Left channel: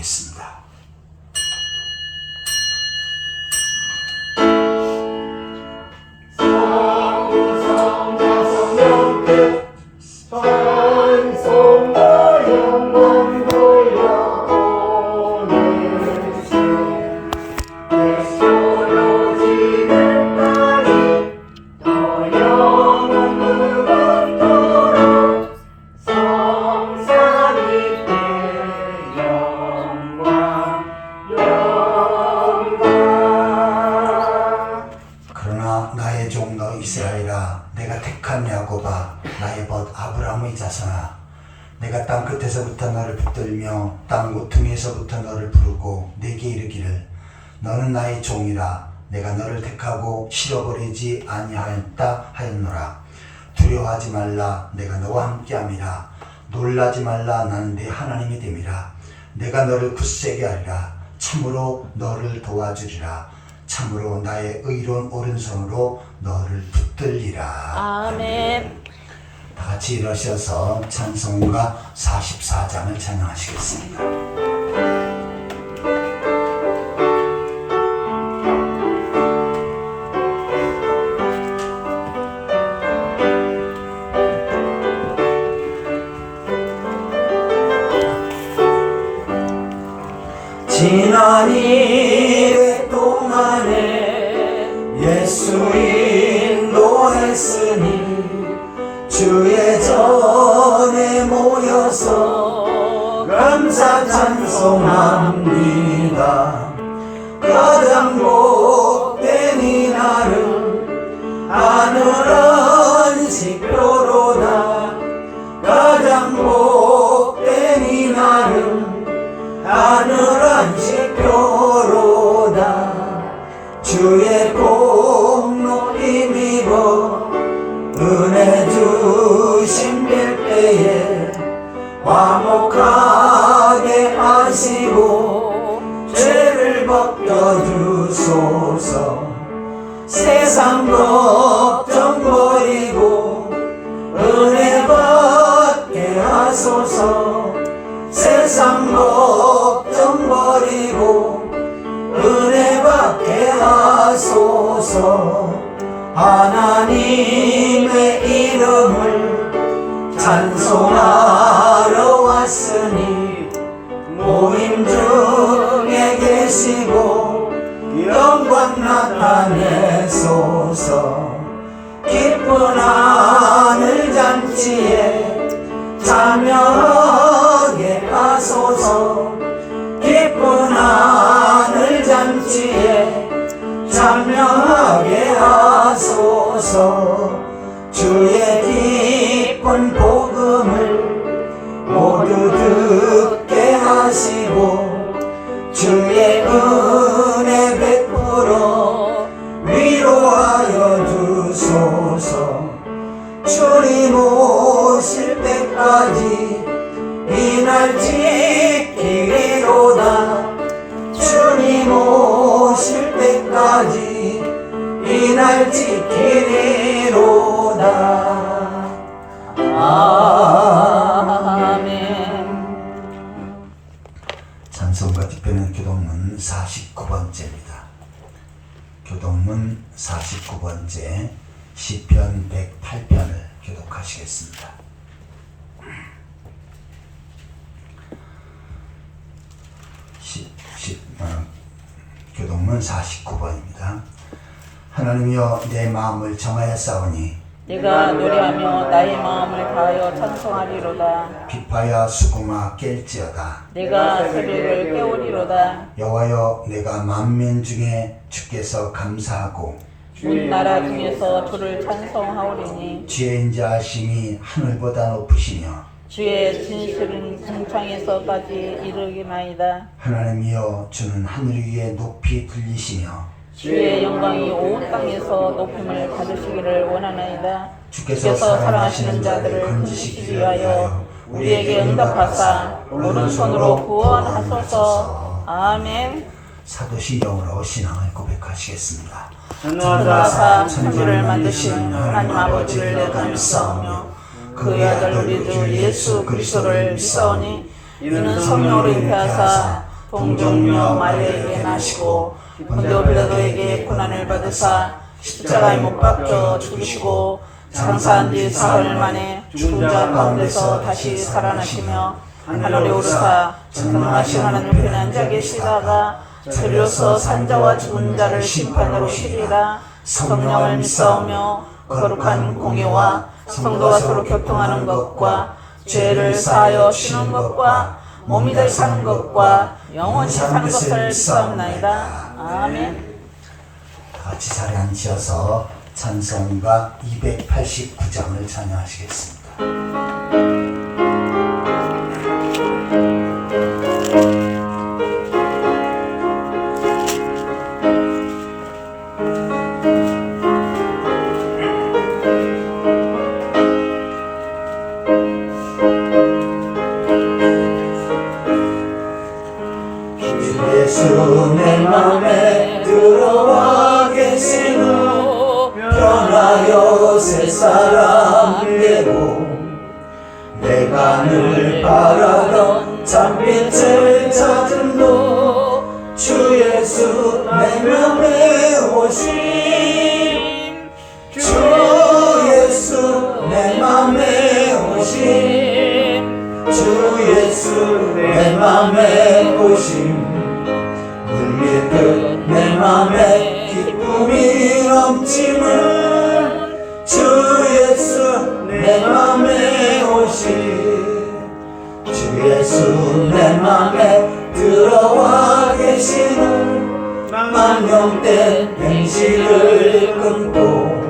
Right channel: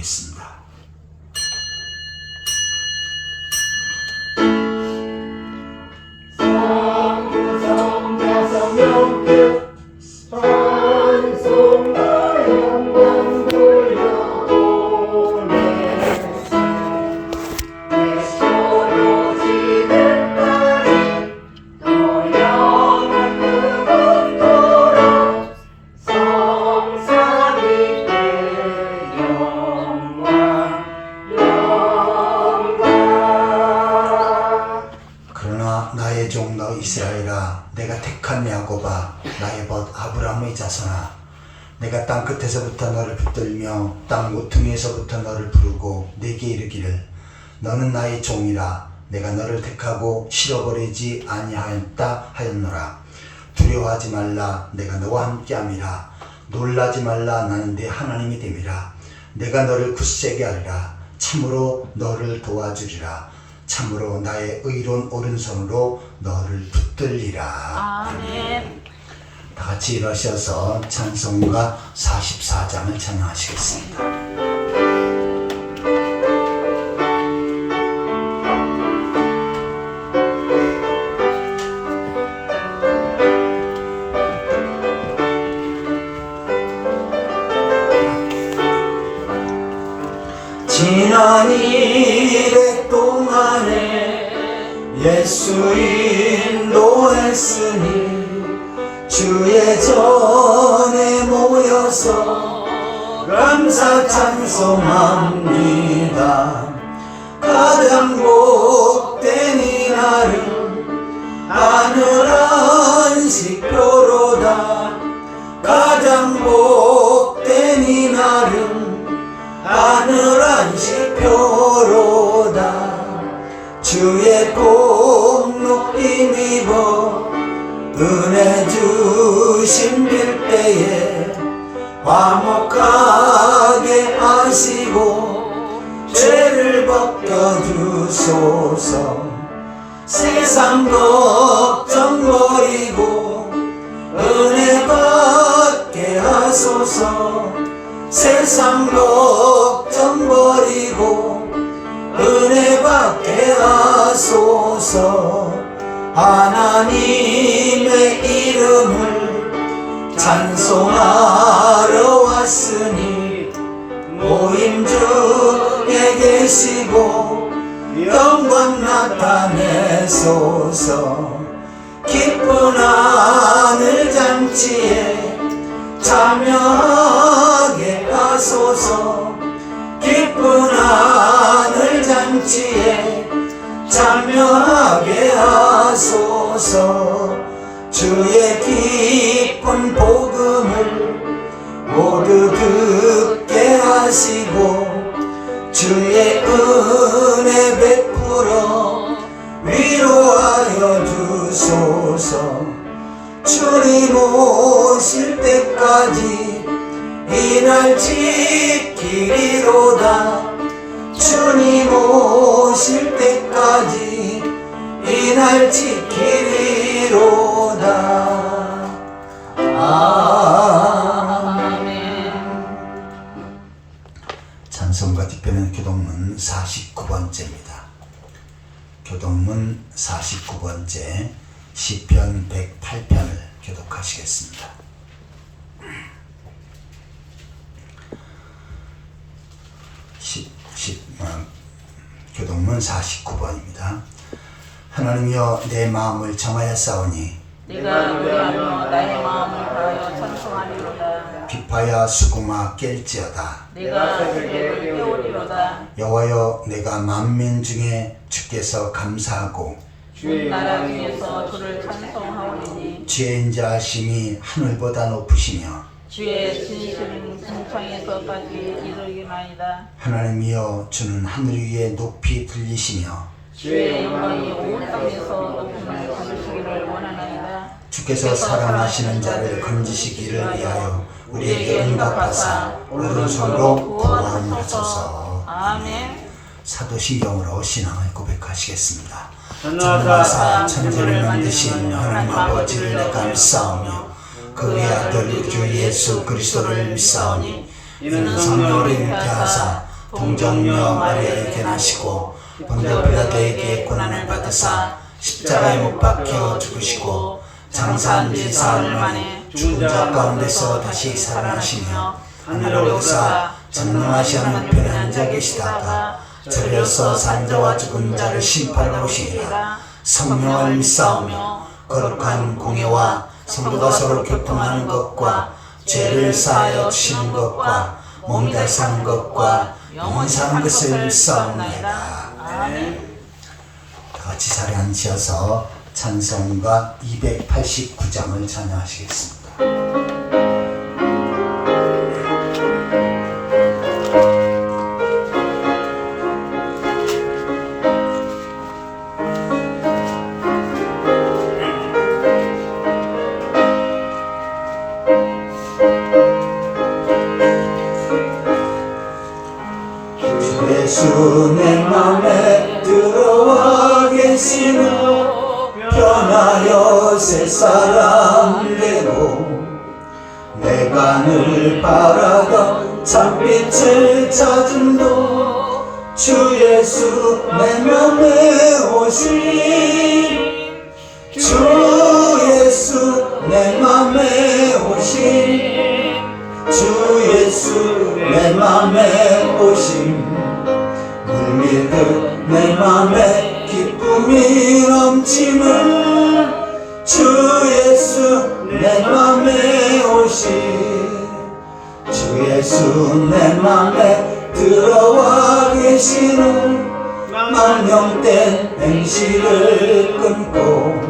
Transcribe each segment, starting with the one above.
드리겠습니다. 나의 종 너 이스라엘아, 내가 택한 야곱아, 나의 벗 아브라함의 자손아, 내가 땅 끝에서부터 너를 붙들며 땅 모퉁이에서부터 너를 부르고 내게 이르기를 너는 나의 종이라. 내가 너를 택하고 실어버리지 아니하였다 하였노라. 두려워하지 말라, 내가 너와 함께함이라. 놀라지 말라, 나는 네 하나님이 됨이라. 내가 너를 굳세게 하리라. 참으로 너를 도와주리라. 참으로 나의 의로운 오른손으로 너를 붙들리라. 아멘. 다 같이 일어서서 찬송가 44장을 찬양하시겠습니다. 지난 이래 동안에 예수 인도했으니 주의 전에 모여서 감사 찬송합니다. 가장 복된 이날은 하늘 안식표로다. 가장 복된 이날은 하늘 안식표로다. 주의 복 높이 입어 은혜 주신 빌때에 화목하게 하시고 죄를 벗겨주소서. 세상 걱정 버리고 은혜 받게 하소서. 세상 걱정 버리고 은혜 받게 하소서. 하나님의 이름을 찬송하러 왔으니 모임 중에 계시고 영광 나타내소서. 기쁜 하늘 잔치에 참여하게 하소서. 기쁜 하늘 잔치에 참여하게 하소서. 주의 기쁜 복음을 모두 듣게 하시고 주의 은혜 베풀어 위로하여 주소서. 주님 오실 때까지 이날 지키리로다. 주님 오실 때까지 이날 지키리로다. 아멘. 찬송가 뒷편은 교동문 49번째입니다. 교동문 49번째 시편 108편을 교독하시겠습니다. 교동문 49번입니다. 하나님이여 내 마음을 정하였사오니 내가 노래하며 나의 마음을 다하여 찬송하리로다. 비파야 수고마 깰지어다. 내가 새벽을 깨우리로다. 여호와여 내가 만민 중에 주께서 감사하고 온 나라 중에서 주를 찬송하오리니 주의 인자하심이 하늘보다 높으시며 주의 진실은 궁창에서까지 이르기나이다. 하나님이여 주는 하늘 위에 높이 들리시며 주의 영광이 온 땅에서 높음을 거두시기를 원하나이다. 주께서 사랑하시는 자를 건지시기를 위하여 우리에게 응답하사 오른손으로 구원하소서. 아멘. 사도신경으로 신앙을 고백하시겠습니다. 전능하사 천지를 만드신 하나님 아버지를 내가 감사하며 그의 아들 주 예수 그리스도를 믿사오니 이는 성령을 잉태하사 동정녀 마리아에게 나시고 본디오 빌라도에게 고난을 받으사 십자가에 못 박혀 죽으시고 장사한 지 사흘 만에 죽은 자 가운데서 다시 살아나시며 하늘로 오르사 전능하신 하나님께 앉아 계시다가 저리로서 산자와 죽은 자를 심판하러 오시리라. 성령을 믿사오며 거룩한 공예와 성도가 서로 교통하는 것과 죄를 사하여 주시는 것과 몸이 다 사는 것과 영원히 사는 것을 믿사옵나이다. 아멘. 다 같이 자리에 앉으셔서 찬송가 289장을 찬양하시겠습니다. 예수 내 맘에 들어와 계시는 변하여 새 사람 되고 내가 늘 바라던 참빛을 찾음도 주 예수 내 맘에 오신 주 예수 내 맘에 오신 주 예수 내 맘에 오신 물밀듯 내 맘에 기쁨이 넘치는 주 예수 내 맘에 오신 주 예수 내 맘에 들어와 계시는 만용된 행실을 끊고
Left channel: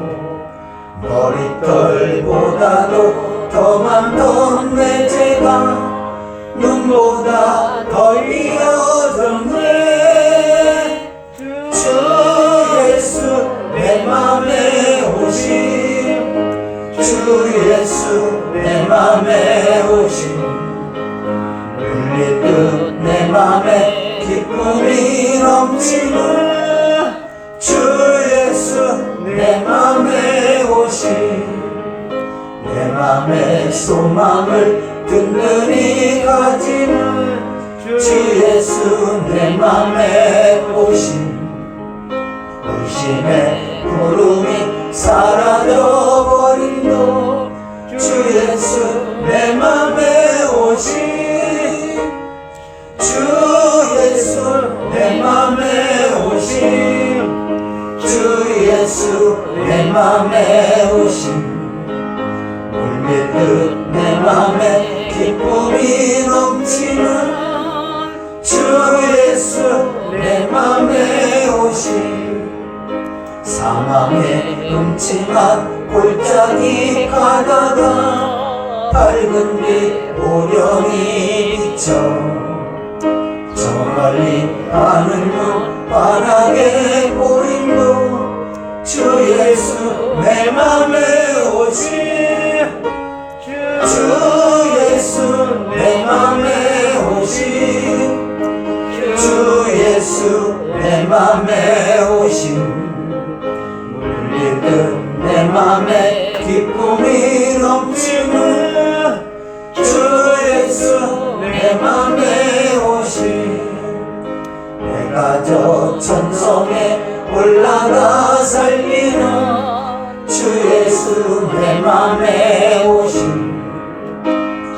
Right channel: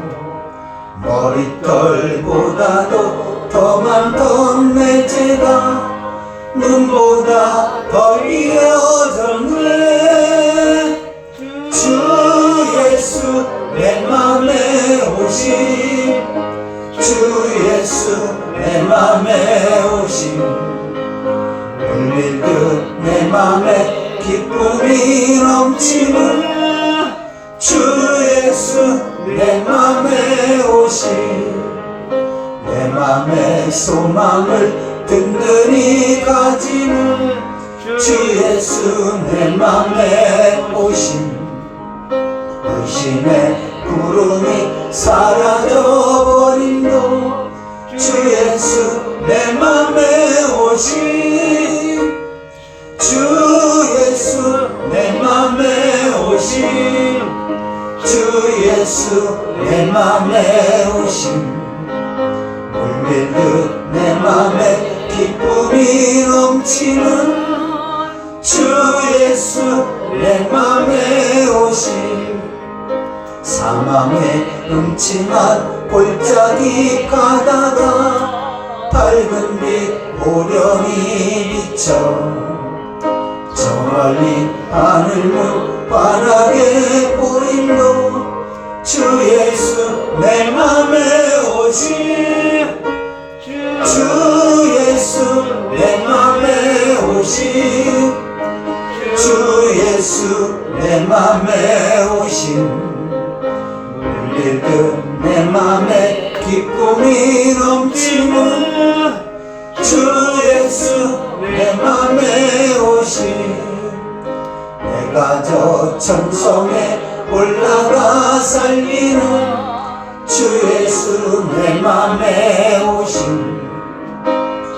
머리털보다도 더 많던 내 죄가 눈보다 더 이어졌네. 주 예수 내 맘에 오심 주 예수 내 맘에 오심 물밀듯 내 맘에 기쁨이 넘치는 주 예수 내 맘에 오심 내 맘의 소망을 든든히 가지는 주 예수 내 맘에 오신 의심의 구름이 사라져버린도 주 예수 내 맘에 오신 주 예수 내 맘에 오신 주 예수 내 맘에 오신 물밀듯 내 맘에 기쁨이 넘치는 주 예수 내 맘에 오심 사망의 음침한 골짜기 가다가 밝은 빛 오령이 비쳐 저 멀리 하늘문 환하게 보임도 주 예수 내 맘에 오심 주 예수 내 맘에 오심 주 예수 내 맘에 오심 물밀듯 내 맘에 기쁨이 넘치는 주 예수 내 맘에 오심 내가 저 천성에 올라가 살기는 주 예수 내 맘에 오심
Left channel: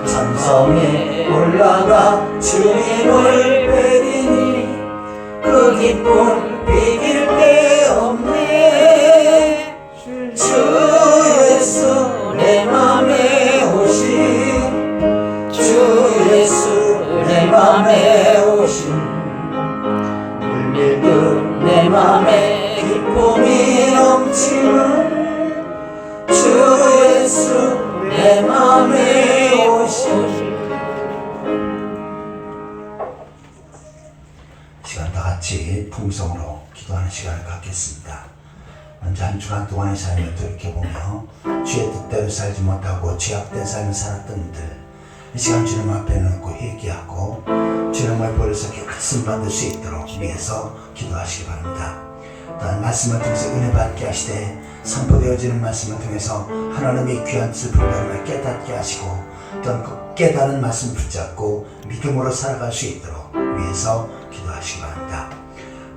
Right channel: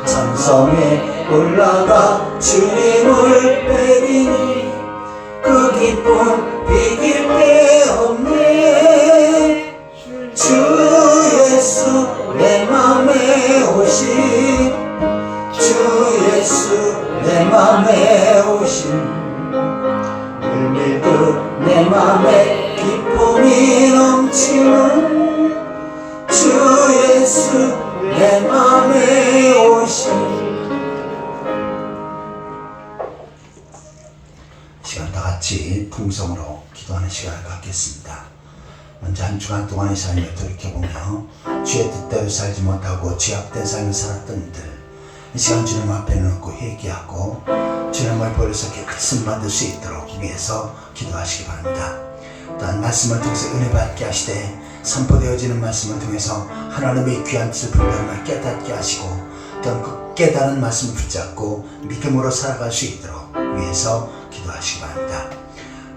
천성에 올라가 주님을 뵈리니 그 기쁨 비길 데 없네 주 예수 내 맘에 오심 주 예수 내 맘에 오심 물밀듯 내 맘에 기쁨이 넘치는 주 예수 내 맘에 오심 시간 다 같이 풍성으로 기도하는 시간을 갖겠습니다. 먼저 한 주간 동안의 삶을 돌이켜보며 주의 뜻대로 살지 못하고 죄악된 삶을 살았던 이들 이 시간 주님 앞에 놓고 회개하고 주님을 버려서 깨끗이 받을 수 있도록 위해서 기도하시기 바랍니다. 또한 말씀을 통해서 은혜 받게 하시되 선포되어지는 말씀을 통해서 하나님의 귀한 뜻을 분별함을 깨닫게 하시고 또한 그 깨달은 말씀을 붙잡고 믿음으로 살아갈 수 있도록 위해서 기도하시기 바랍니다.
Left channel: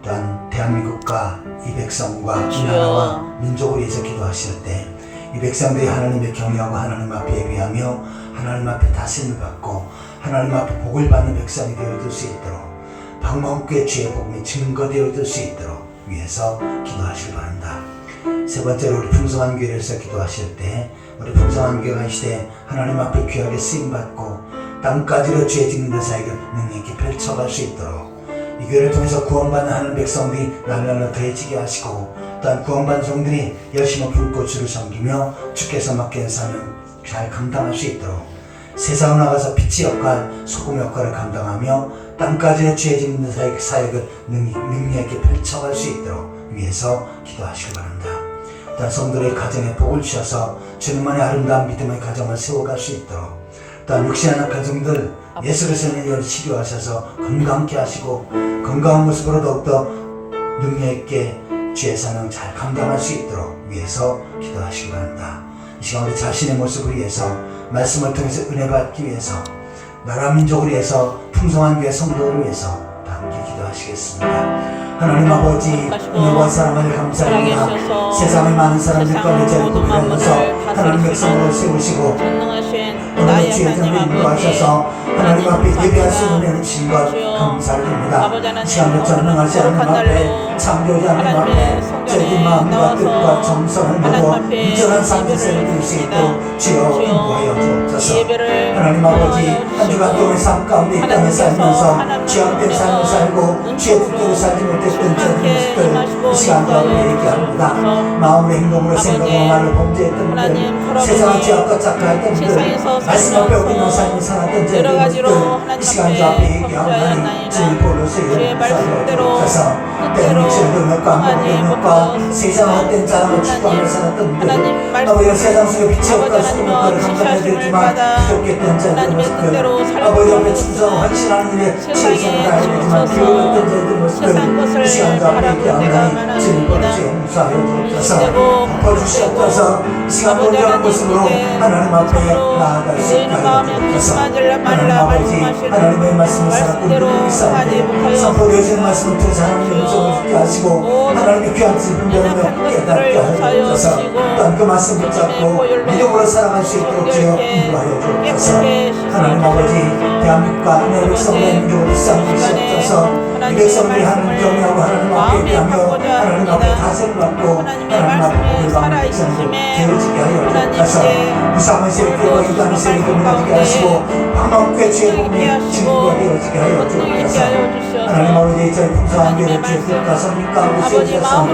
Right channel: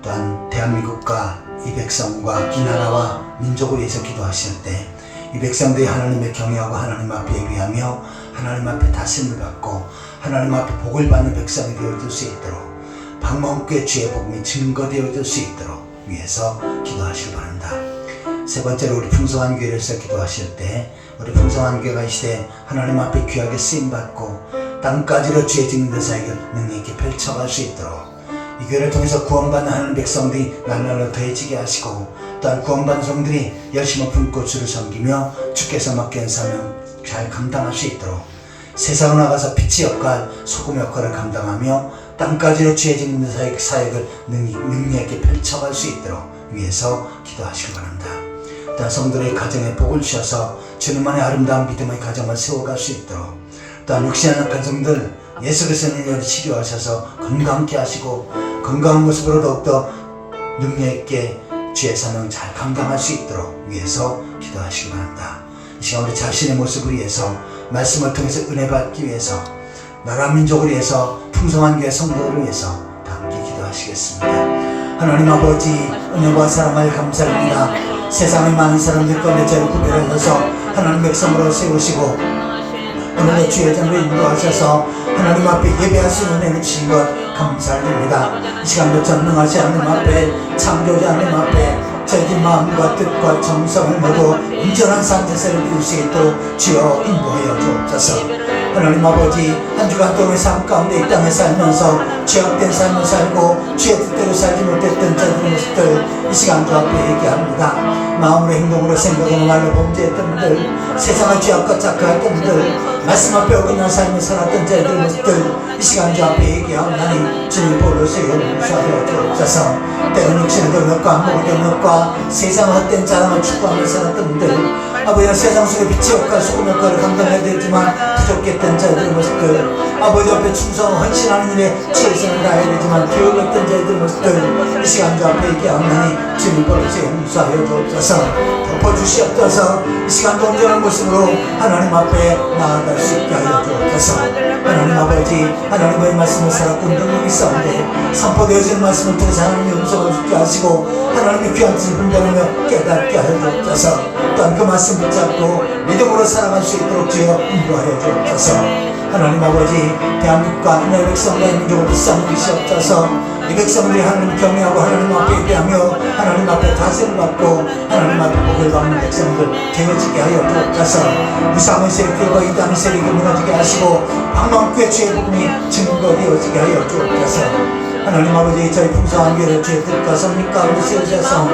또한 대한민국과 이 백성과 이 나라와 민족을 위해서 기도하실 때 이 백성들이 하나님을 경외하고 하나님 앞에 예배하며 하나님 앞에 다스림을 받고 하나님 앞에 복을 받는 백성이 되어줄 수 있도록 방문교회 주의 복음이 증거되어질 수 있도록 위해서 기도하시기 바랍니다. 세 번째로 우리 풍성한 교회를 위해서 기도하실 때 우리 풍성한 교회가 이 시대에 하나님 앞에 귀하게 쓰임받고 땅까지로 주의 증인된 사역을 능히 있게 펼쳐갈 수 있도록 이 교회를 통해서 구원받는 하나님 백성들이 날날로 더해지게 하시고 또한 구원받는 성들이 열심히 품고 주를 섬기며 주께서 맡긴 사명 잘 감당할 수 있도록 세상을 나가서 빛의 역할, 소금 역할을 감당하며 땅까지로 주의 증인된 사역을 능력있게 펼쳐갈 수 있도록 위해서 기도하시기 바랍니다. 또한 성도의 가정에 복을 주셔서 주님만의 아름다운 믿음의 가정을 세워갈 수 있도록 또한 육신의 약한 성들 예수 그리스도의 이름으로 치료하셔서 건강케 하시고 건강한 모습으로 더욱더 능력있게 주의 사명 잘 감당할 수 있도록 위해서 기도하시기 바랍니다. 이 시간 우리 자신의 모습을 위해서 말씀을 통해서 은혜 받기 위해서 나라 민족을 위해서 풍성한 교회 성도를 위해서 다 함께 기도하시겠습니다. 하나님 아버지 은혜와 사랑을 감사합니다. 세상의 많은 사람들 가운데 저를 구별하셔서 하나님 백성으로 세우시고 오늘도 주의 전을 인도하셔서 하나님 앞에 예배할 수 있는 은혜를 주신 것 감사드립니다. 이 시간도 전능하신 하나님 앞에 창조자 하나님 앞에 저희들 마음과 뜻과 정성을 모두 온전한 산제사를 드릴 수 있도록 주여 인도하여 주옵소서. 하나님 아버지 한 주간 동안의 삶 가운데 이 땅에 살면서 죄악된 삶을 살고 주의 뜻대로 살지 못했던 저희들 모습들 이 시간 주 앞에 얘기합니다. 마음으로 행동으로 생각으로 말로 범죄했던 분들 세상의 죄악과 착각했던 분들 말씀 앞에 어긋난 삶을 살았던 저희들 모습들 이 시간 주 앞에 얘기하오나니 주님 볼로서 용서하여 주옵소서. 때는 육신의 경력과 안목의 경력과 세상의 헛된 자랑을 추구하며 살았던 분들 아버지가 세상 속에 빛의 역할, 소금 역할을 감당해야 되지만 부족했던 자들의 모습들 아버지 옆에 충성하고 헌신하는 일에 최선을 다해야 되지만 두려웠던 자들의 모습들 이 시간 주 앞에 얘기하오나니 주님 볼로서 용서하여 주옵소서. 덮어주시옵소서. 이 시간도 온전한 모습으로 하나님 앞에 나아갈 수 있게 하여 주옵소서. 하나님 아버지 하나님의 말씀을 살았고 능력이 싸운데 선포되어지는 말씀을 통해서 하나님의 음성을 듣게 하시고 하나님의 귀한 뜻을 분별하며 깨닫게 하여 주옵소서. 또한 그 말씀 붙잡고 믿음으로 살아갈 수 있도록 주여 인도하여 주옵소서. 하나님 아버지 대한민국과 내 백성과 민족을 불쌍히 주시옵소서. 이 백성들이 하나님 경외하고 하나님 앞에 예배하며 하나님 앞에 다스림을 받고 하나님 앞에 복을 받는 백성들 되어지게 하여 주옵소서. 무상의 세력들과 이단의 세력을 무너지게 하시고 방망교회 주의 복음이 증거되어지게 하여 주옵소서. 하나님 아버지 저희 풍성한 교회를 주의 뜻과 성령 가운데 세우셨사오니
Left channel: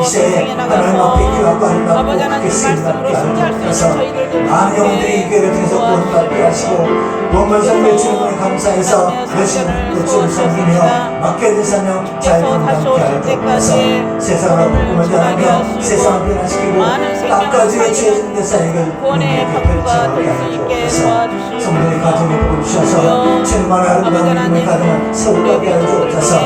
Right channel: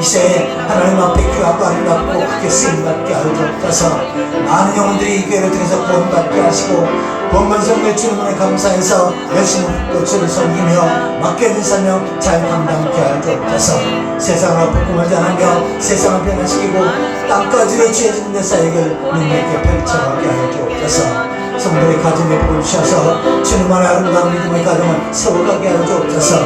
이 시대에 하나님 앞에 귀하고 아름답고 크게 쓰임받게 하여 주옵소서. 많은 영혼들이 이 교회를 통해서 구원받게 하시고 원문성대 주님을 감사해서 열심히 또 주를 섬기며 맡겨진 사명 잘 감당케 하여 주옵소서. 세상으로 복음을 전하며 세상을 변화시키고 땅까지로 주의 증대 사역을 능력있게 펼쳐가게 하여 주옵소서. 성도의 가정에 복을 주셔서 주님만의 아름다운 믿음의 가정을 세워가게 하여 주옵소서.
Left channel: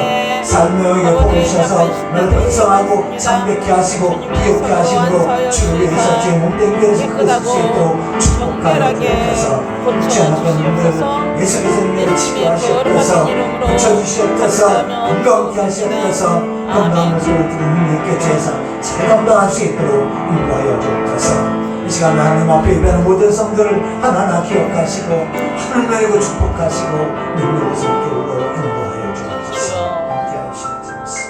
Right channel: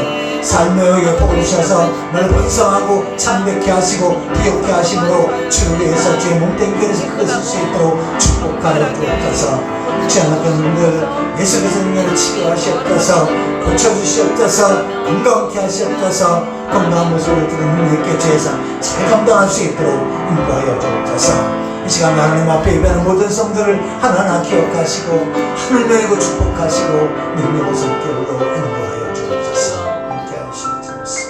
삶의 의에 복을 주셔서 너를 번성하고 창백케 하시고 비옥케 하심으로 주를 위해서 주의 몸된 교회에서 크게 쓸 수 있도록 축복하여 주옵소서. 주님의 분들 예수 그리스도의 은혜를 치료하시옵소서. 고쳐주시옵소서. 건강케 하시옵소서. 건강한 모습을 두고 능력있게 죄에서 잘 감당할 수 있도록 인도하여 주옵소서. 이 시간 하나님 앞에 예배하는 모든 성들을 하나하나 기억하시고 하늘 내리고 축복하시고 능력의 손길로 인도하여 주옵소서. 함께 하시옵소서.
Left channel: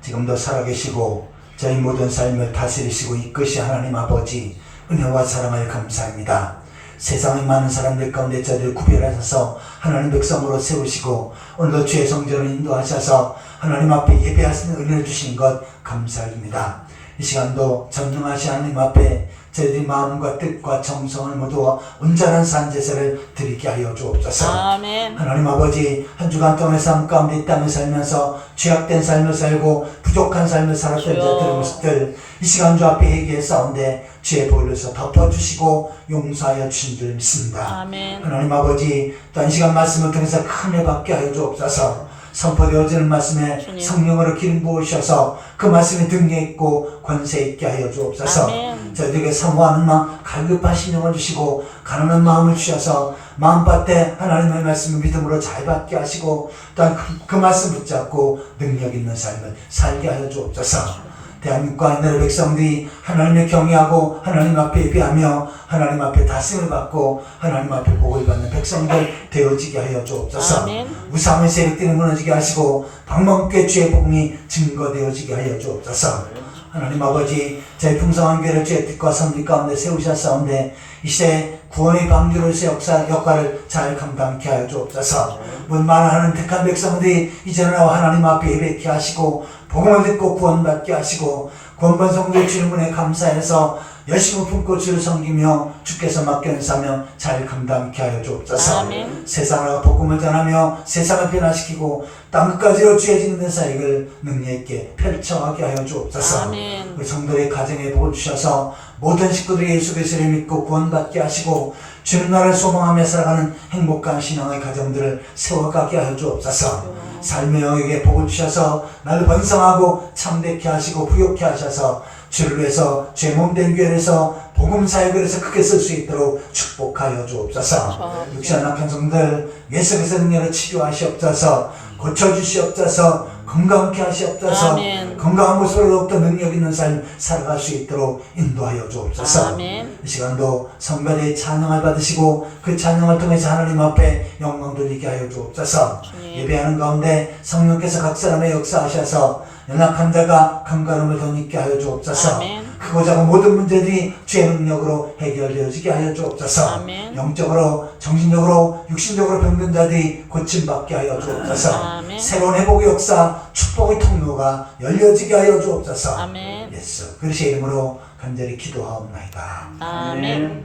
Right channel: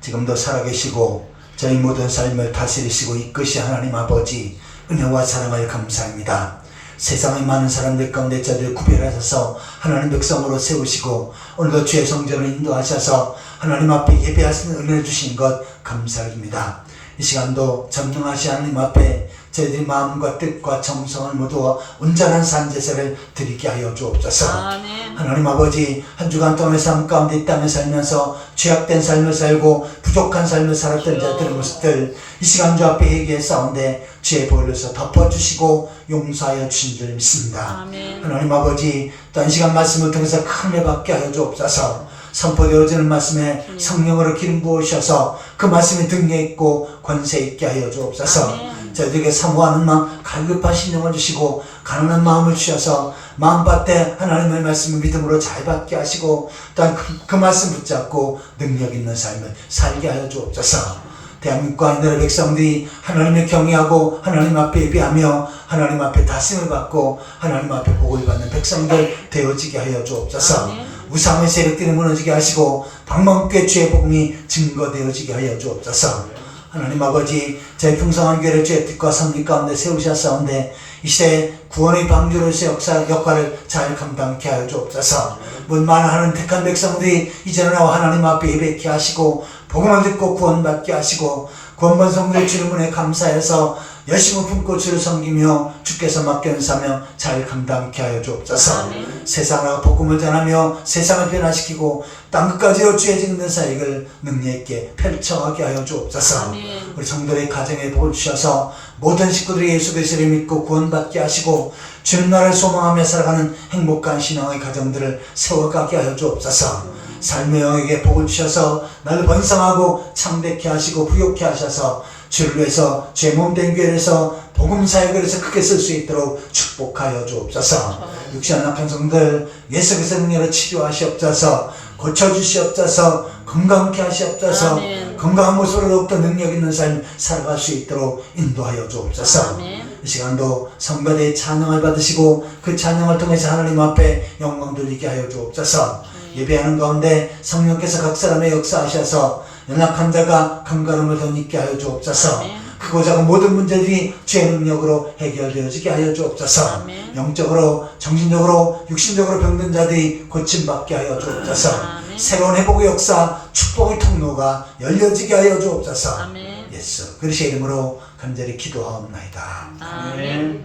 지금도 살아계시고 저희 모든 삶을 다스리시고 이끄시 하나님 아버지 은혜와 사랑을 감사합니다. 세상의 많은 사람들 가운데 저를 구별하셔서 하나님 백성으로 세우시고 오늘도 주의 성전을 인도하셔서 하나님 앞에 예배할 수 있는 은혜를 주신 것 감사드립니다. 이 시간도 전능하신 하나님 앞에 저희들의 마음과 뜻과 정성을 모두 온전한 산제사를 드리게 하여 주옵소서. 아멘. 하나님 아버지 한 주간 동안의 삶 가운데 이 땅에 살면서 죄악된 삶을 살고 부족한 삶을 살았던 자들의 모습들 이 시간 주 앞에 얘기했사온데 주의 보혈로서 덮어주시고 용서하여 주신 줄 믿습니다. 아멘. 하나님 아버지 또 이 시간 말씀을 통해서 큰 은혜 받게 하여 주옵소서. 선포되어지는 말씀에 주님. 성령으로 기름 부으셔서 그 말씀이 등에 있고 권세 있게 하여 주옵소서. 아멘. 저희들에게 사모하는 마음 갈급한 심령을 주시고 가난한 마음을 주셔서 마음밭에 하나님의 말씀을 믿음으로 잘 받게 하시고 또한 그 말씀 붙잡고 능력 있는 삶을 살게 하여 주옵소서. 대한민국과 이 나라 백성들이 하나님을 경외하고 하나님 앞에 예배하며 하나님 앞에 다스림을 받고 하나님 앞에 복을 받는 백성들 되어지게 하여 주옵소서. 아멘. 우상의 세력들이 무너지게 하시고 방망께 주의 복음이 증거되어지게 하여 주옵소서. 하나님 아버지, 저희 풍성한 교회를 주의 뜻과 섭리 가운데 세우셨사온데 이 시대에 구원의 방주로서의 역할을 잘 감당케 하여 주옵소서. 문만하는 택한 백성들이 이제는 나와 하나님 앞에 예배케 하시고 복음을 듣고 구원받게 하시고 구원받은 성도의 주님 은혜 감사해서 열심히 품고 주를 섬기며 주께서 맡겨 사명 잘 감당케 하여 주옵소서. 아멘. 세상과 복음을 전하며 세상을 변화시키고 땅끝까지 주의 짓는 사역을 능력 있게 펼쳐가게 하여 주옵소서. 아멘. 우리 성도의 가정에 복을 주셔서 모든 식구들이 예수 그리스도를 믿고 구원받게 하시고 주님 나라를 소망하며 살아가는 행복한 신앙의 가정들을 세워가게 하여 주옵소서. 삶의 영역에 복을 주셔서 나를 번성하고 참되게 하시고 부욕케 하셔서 주를 위해서 죄 몸된 교회에서 복음 사역을 해서 크게 쓸 수 있도록 축복하여 주옵소서. 육신 연약한 성들 예수 그리스도의 능력으로 치료하시옵소서. 고쳐주시옵소서. 건강케 하시옵소서. 아멘. 건강한 모습으로 더욱더 능력 있는 삶 살아갈 수 있도록 인도하여 주옵소서. 아멘. 이 시간도 성가대의 찬양을 받으시고 그 찬양을 통해서 하나님 앞에 영광 돌리게 하여 주옵소서. 예배하는 가운데 성령께서 각 사람의 역사하셔서 연약한 자가 감가름을 덧입게 하여 주옵소서. 아멘. 크고 작은 모든 문제들이 주의 능력으로 해결되어지게 하여 주옵소서. 아멘. 영적으로 정신적으로 육신적으로 병든 자들이 고침받게 하여 주옵소서. 아멘. 새로운 회복의 역사 축복의 통로가 열려지게 하여 주옵소서. 아멘. 예수 그리스도의 이름으로 간절히 기도하옵나이다. 아멘.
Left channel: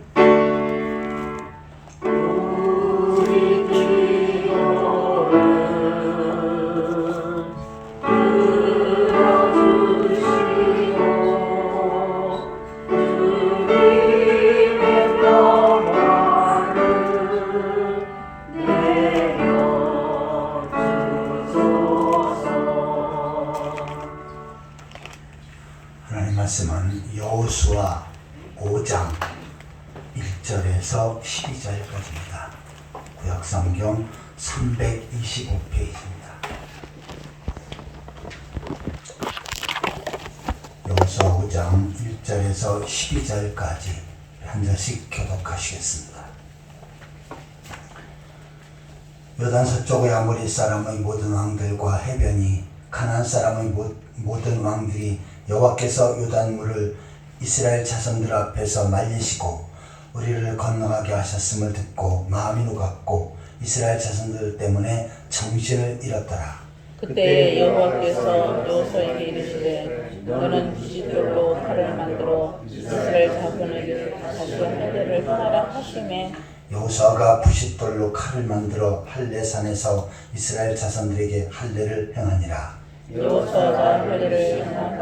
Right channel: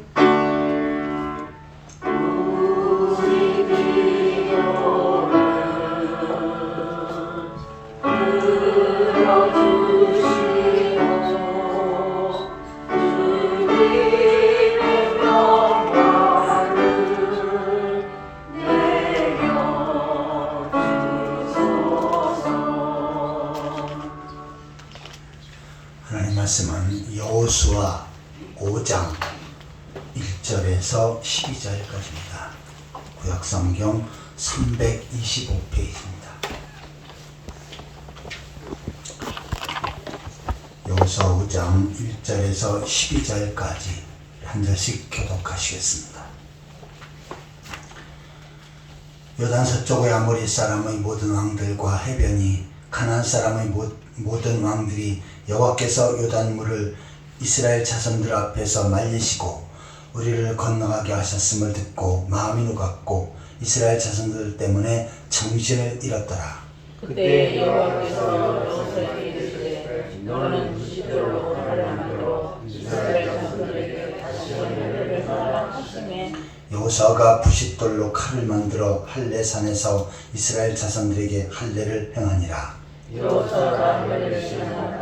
하나님 말씀은 여호수아 5장 1절에서 12절까지입니다. 구약성경 325페이지입니다. 여호수아 5장 1절에서 12절까지 한 절씩 교독하시겠습니다. 요단 서쪽의 아모리 사람의 모든 왕들과 해변이 가나안 사람의 모든 왕들이 여호와께서 요단물을 이스라엘 자손들 앞에서 말리시고 우리를 건너가게 하셨음을 듣고 마음이 녹았고 이스라엘 자손들 때문에 정신을 잃었더라. 그때 여호와께서 여호수아에게 이르시되 너는 네 집들로 칼을 만들어 이스라엘 자손에게 다시 할례를 하라 하시매 여호수아가 부싯돌로 칼을 만들어 할례산에서 이스라엘 자손들에게 할례를 행하니라. 여호수아가 할례를 행하는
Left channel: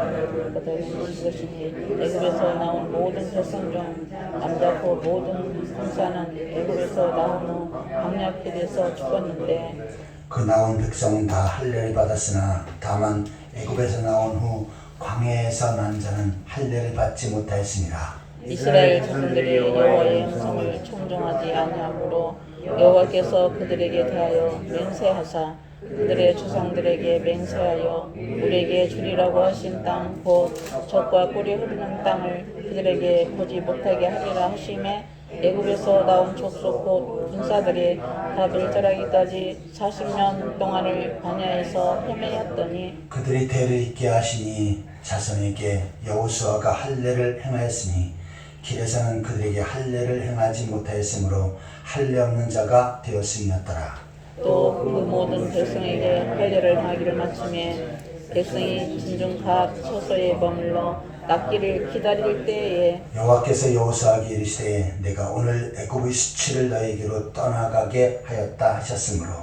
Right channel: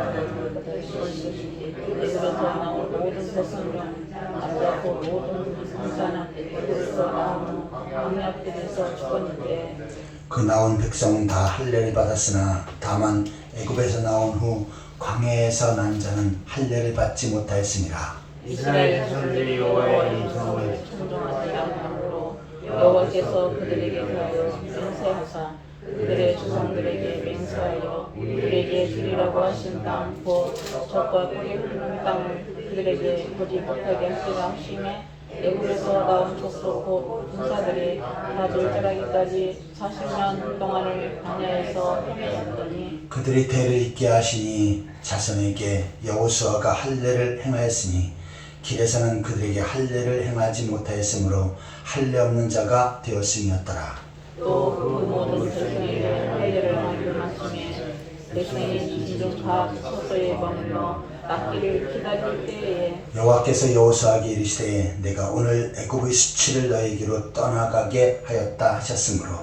것이지 애굽에서 나온 모든 백성 중 남자고 모든 군사는 애굽에서 나온 후 광야길에서 죽었는데 그 나온 백성은 다 할례를 받았으나 다만 애굽에서 나온 후 광야에서 난 자는 할례를 받지 못하였으니라. 이스라엘 자손들이 여호와의 음성을 청종하지 아니하므로 여호와께서 그들에게 대하여 맹세하사 그들의 조상들에게 맹세하여 우리에게 주리라고 하신 땅 곧 젖과 꿀이 흐르는 땅을 그들에게 보지 못하게 하시라 하시매 애굽에서 나온 족속 곧 군사들이 다 돌절하기까지 40년 동안을 광야에서 헤매었더니 그들이 대를 잇게 하시니 자손에게 여호수아가 할례를 행하였으니 길에서는 그들에게 할례를 행하지 못하였으므로 할례 없는 자가 되었음이었더라. 또 그 모든 백성에게 할례를 행하기를 마침에 백성이 진중 다 처소에 머물러 낫기를 기다릴 때에 여호와께서 여호수아에게 이르시되 내가 오늘 애굽의 수치를 너에게로 떠나가게 하였다 하셨으므로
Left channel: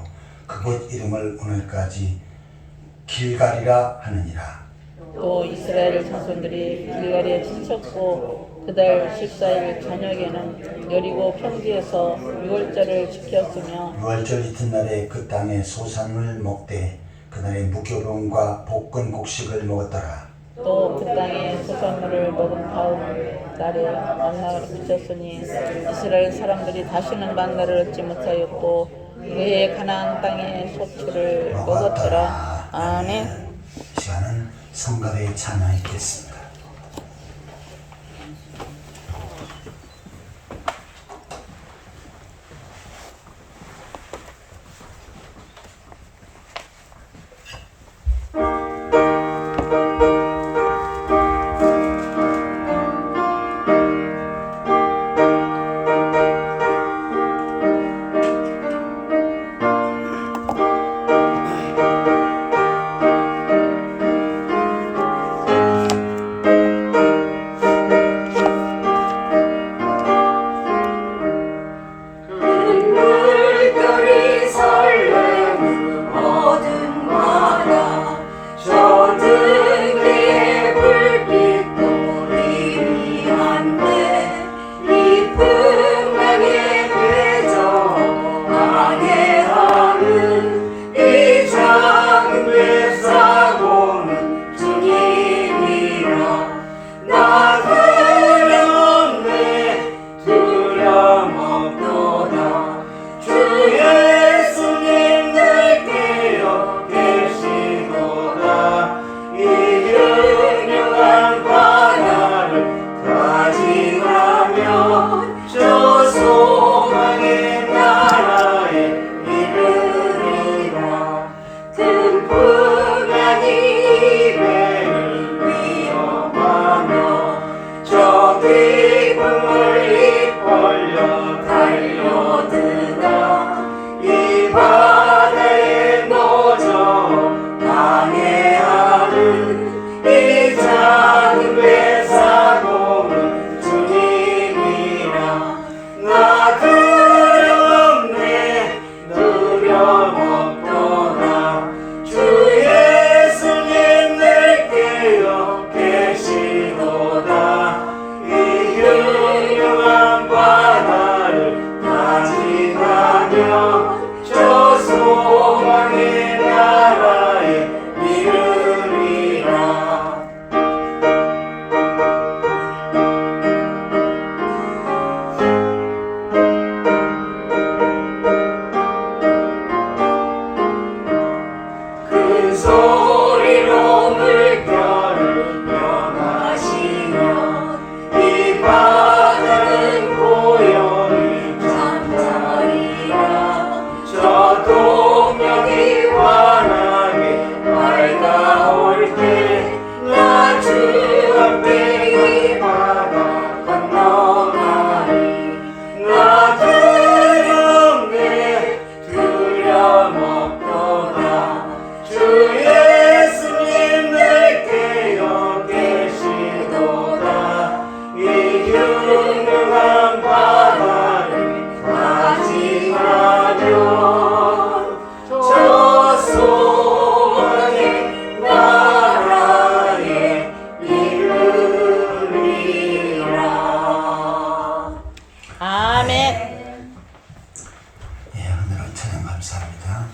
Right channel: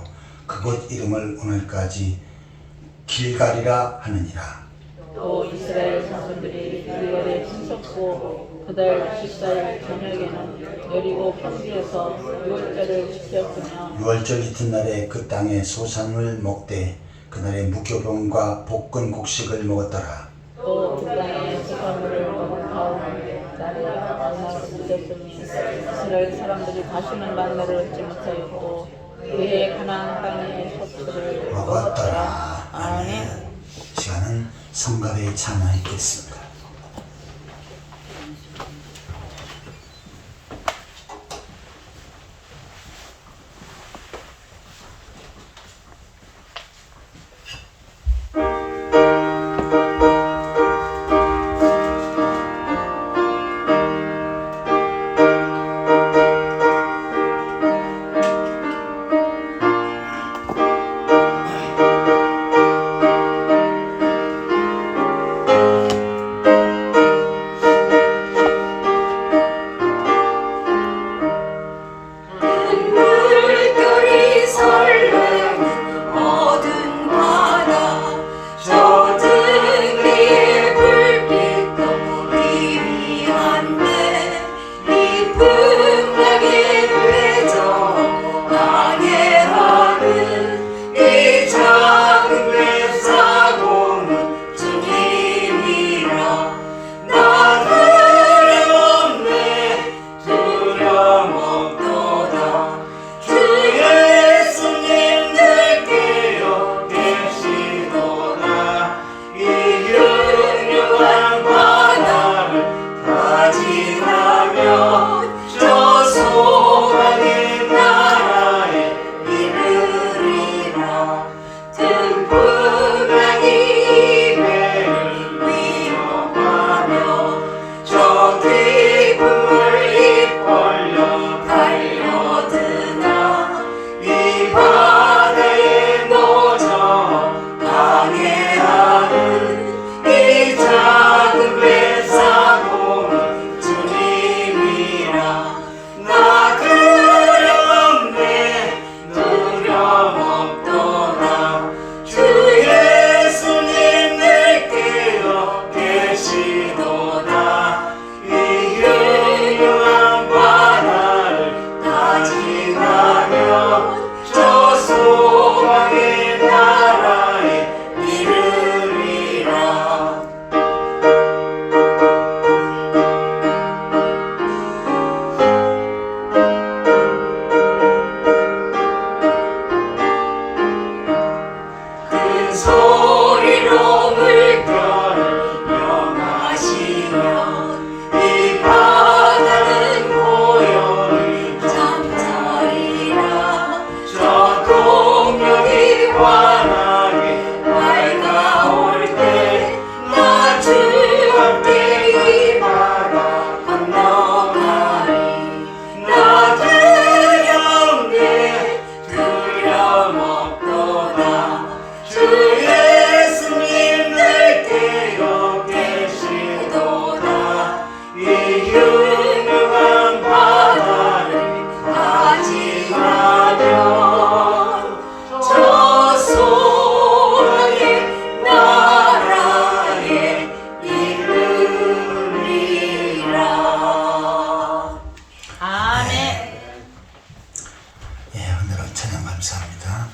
그곳 이름을 오늘까지 길갈이라 하느니라. 또 이스라엘 자손들이 길갈에 춤췄고 그달 14일 저녁에는 여리고 평지에서 유월절을 지켰으며 유월절 이튿날에 그 땅에 소산을 먹되 그날에 무교병과 볶은 곡식을 먹었더라. 또 그 땅에 부산물을 먹은 다음 날에 만나를 드셨으니 이스라엘 사람들이 다시는 만나를 얻지 못하였고 그의 가나안 땅의 쇼츠를 먹었더라. 아멘. 시간은 성가대에 찬양했겠습니다. 물결이 설레는 어두운 바다 저 등대의 불빛도 희미한데 이 풍랑의 배정 안해하는 이 작은 뱃사공은 주님이라 나 두려움에 두려움없도다 주 예수님 들깨어 계시도다 이 흉흉한 바다를 가지나면 저 소망의 나라에 이르리라 등풍랑이 배를 위협하며 저 깊은 물이 벌려 달려드나 이 바다의 노저 방해하는 이 작은 뱃사공은 주님이라 나 두려움에 두려움없도다 주 예수님 늘 깨어 계시도다 이 흉흉한 바다를 가지나면 저 소망의 나라에 이르리라 큰 소리로 물결을 명하시면 이 바다는 고요히 잠자리라 저 동력이 환하게 밝아올 때 나 주 함께 이 바다 건너가리 나 두려움에 두려움없도다 주 예수님 늘 깨어 계시도다 이 흉흉한 바다를 가지나면 저 소망의 나라에 이르리라 아멘. 예, 오늘은 찬양 감사합니다.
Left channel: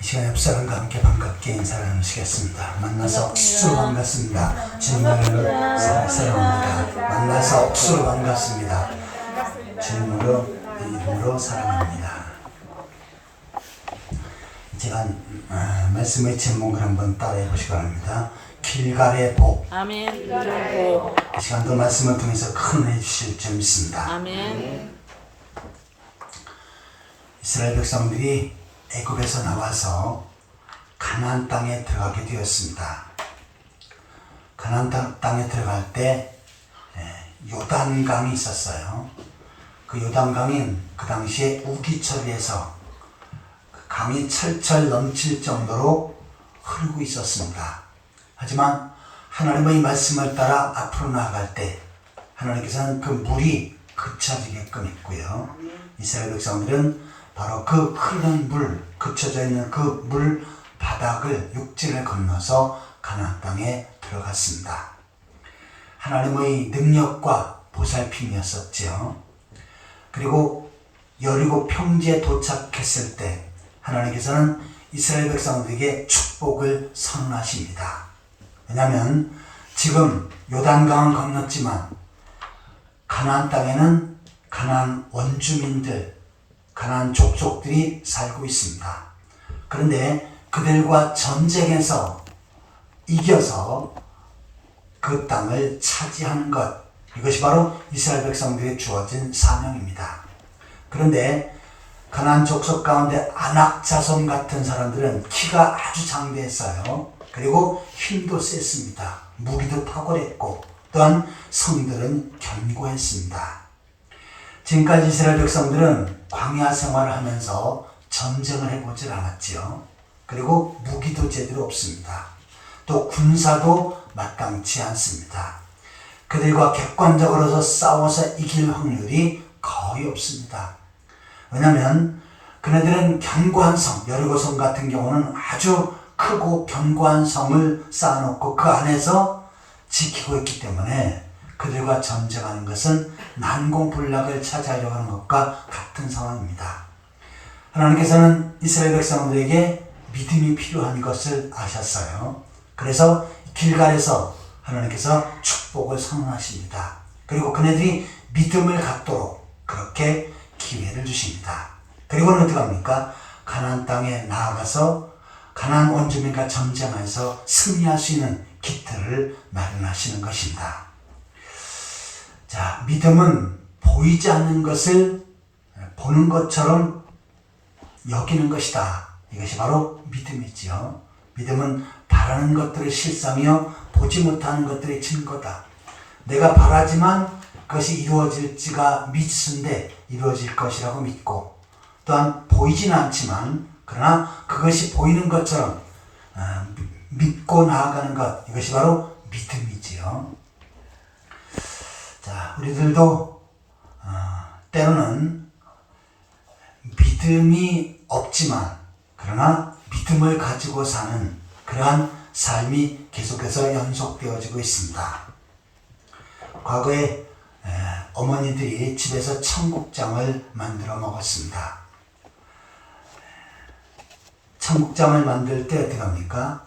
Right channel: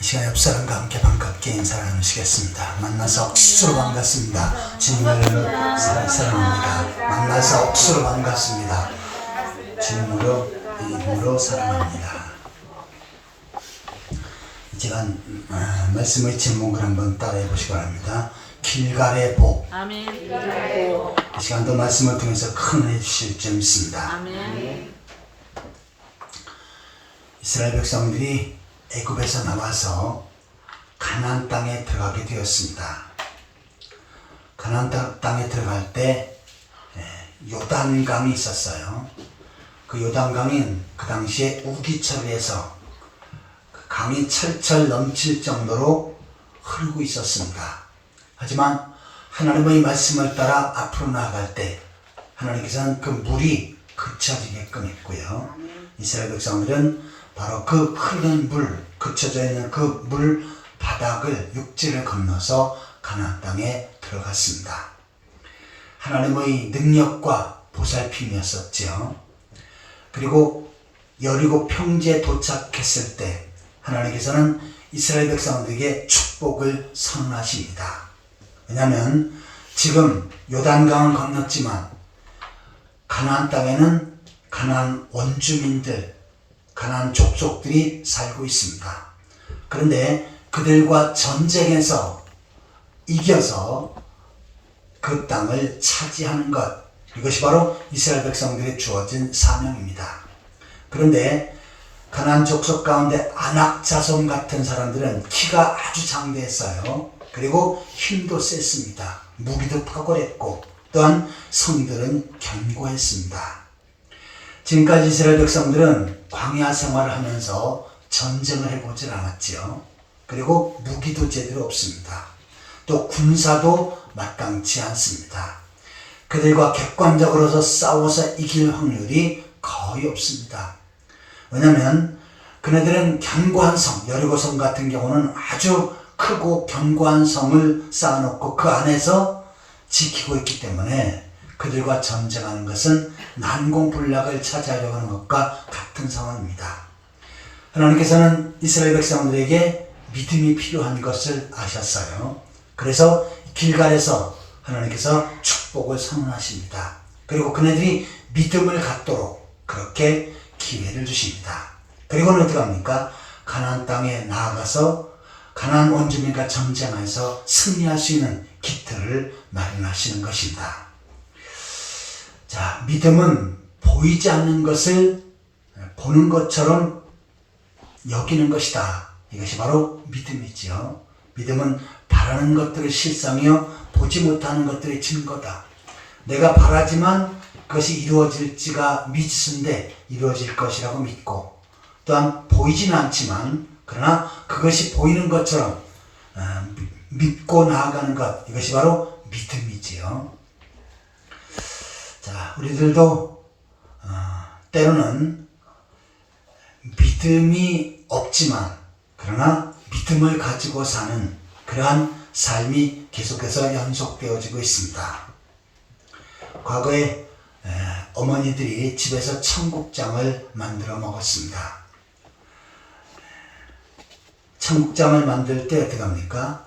이 시간 옆 사람과 함께 반갑게 인사를 나누시겠습니다. 만나서 억수로 반갑습니다. 주님을 사랑합니다. 만나서 억수로 반갑습니다. 주님으로 이름으로 사랑합니다. 제가 말씀의 제목을 한번 따라해 보시기 바랍니다. 길갈의 복. 아멘. 이정도. 이 시간도 말씀을 통해서 큰 은혜 주실 줄 믿습니다. 아멘. 이스라엘 백성들이 애굽에서 나와서 가나안 땅에 들어가게 되었습니다. 가나안 땅에 들어갈 때 요단강이 있었어요. 그 요단강은 그 당시에 우기철에서 그 강이 철철 넘칠 정도로 흐르고 있었습니다. 하지만 하나님의 말씀을 따라 앞으로 나아갈 때 하나님께서는 그 물이 그쳐지게끔 했고요. 이스라엘 백성들은 바로 그 흐르는 물, 그쳐져 있는 그 물 바닥을 육지를 건너서 가나안 땅에 들어갔습니다. 하나님의 능력과 보살핌이었었죠. 그리고 여리고 평지에 도착했을 때 하나님께서는 이스라엘 백성들에게 축복을 선언하십니다. 왜냐하면 지금 요단강은 건넜지만 가나안 땅에는 가나안 원주민들, 가나안 족속들이 살고 있습니다. 그런데 그들과 전쟁에서 이겨서 그 땅을 차지하는 것, 이것이 바로 이스라엘 백성들이 주어진 사명입니다. 그런데 가나안 족속 가운데 아낙 자손 같은 사람들은 키가 아주 장대했어요. 그리고 힘도 셌습니다. 무기도 탁월했고 또한 성들은 견고했습니다. 지금까지 이스라엘 백성들은 광야 생활을 하면서 전쟁을 해보질 않았지요. 그리고 무기도 제대로 없습니다. 또 군사도 마땅치 않습니다. 그들과 객관적으로서 싸워서 이길 확률이 거의 없습니다. 왜냐하면 그네들은 견고한 성, 여리고성 같은 경우는 아주 크고 견고한 성을 쌓아놓고 그 안에서 지키고 있기 때문에 그들과 전쟁하는 것은 난공불락을 차지하려고 하는 것과 같은 상황입니다. 하나님께서는 이스라엘 백성들에게 믿음이 필요한 것을 아셨어요. 그래서 길갈에서 하나님께서 축복을 선언하십니다. 그리고 그네들이 믿음을 갖도록 그렇게 기회를 주십니다. 그리고는 어떻게 합니까? 가나안 땅에 나아가서 가나안 원주민과 전쟁하여서 승리할 수 있는 기틀을 마련하시는 것입니다. 자, 믿음은 보이지 않는 것을 보는 것처럼 여기는 것이다. 이것이 바로 믿음이지요. 믿음은 바라는 것들의 실상이요 보지 못하는 것들의 증거다. 내가 바라지만 그것이 이루어질지가 미지수인데 이루어질 것이라고 믿고, 또한 보이지는 않지만 그러나 그것이 보이는 것처럼 믿고 나아가는 것, 이것이 바로 믿음이지요. 자, 우리들도 때로는 믿음이 없지만 그러나 믿음을 가지고 사는 그러한 삶이 계속해서 연속되어지고 있습니다. 과거에 어머니들이 집에서 청국장을 만들어 먹었습니다. 청국장을 만들 때 어떻게 합니까?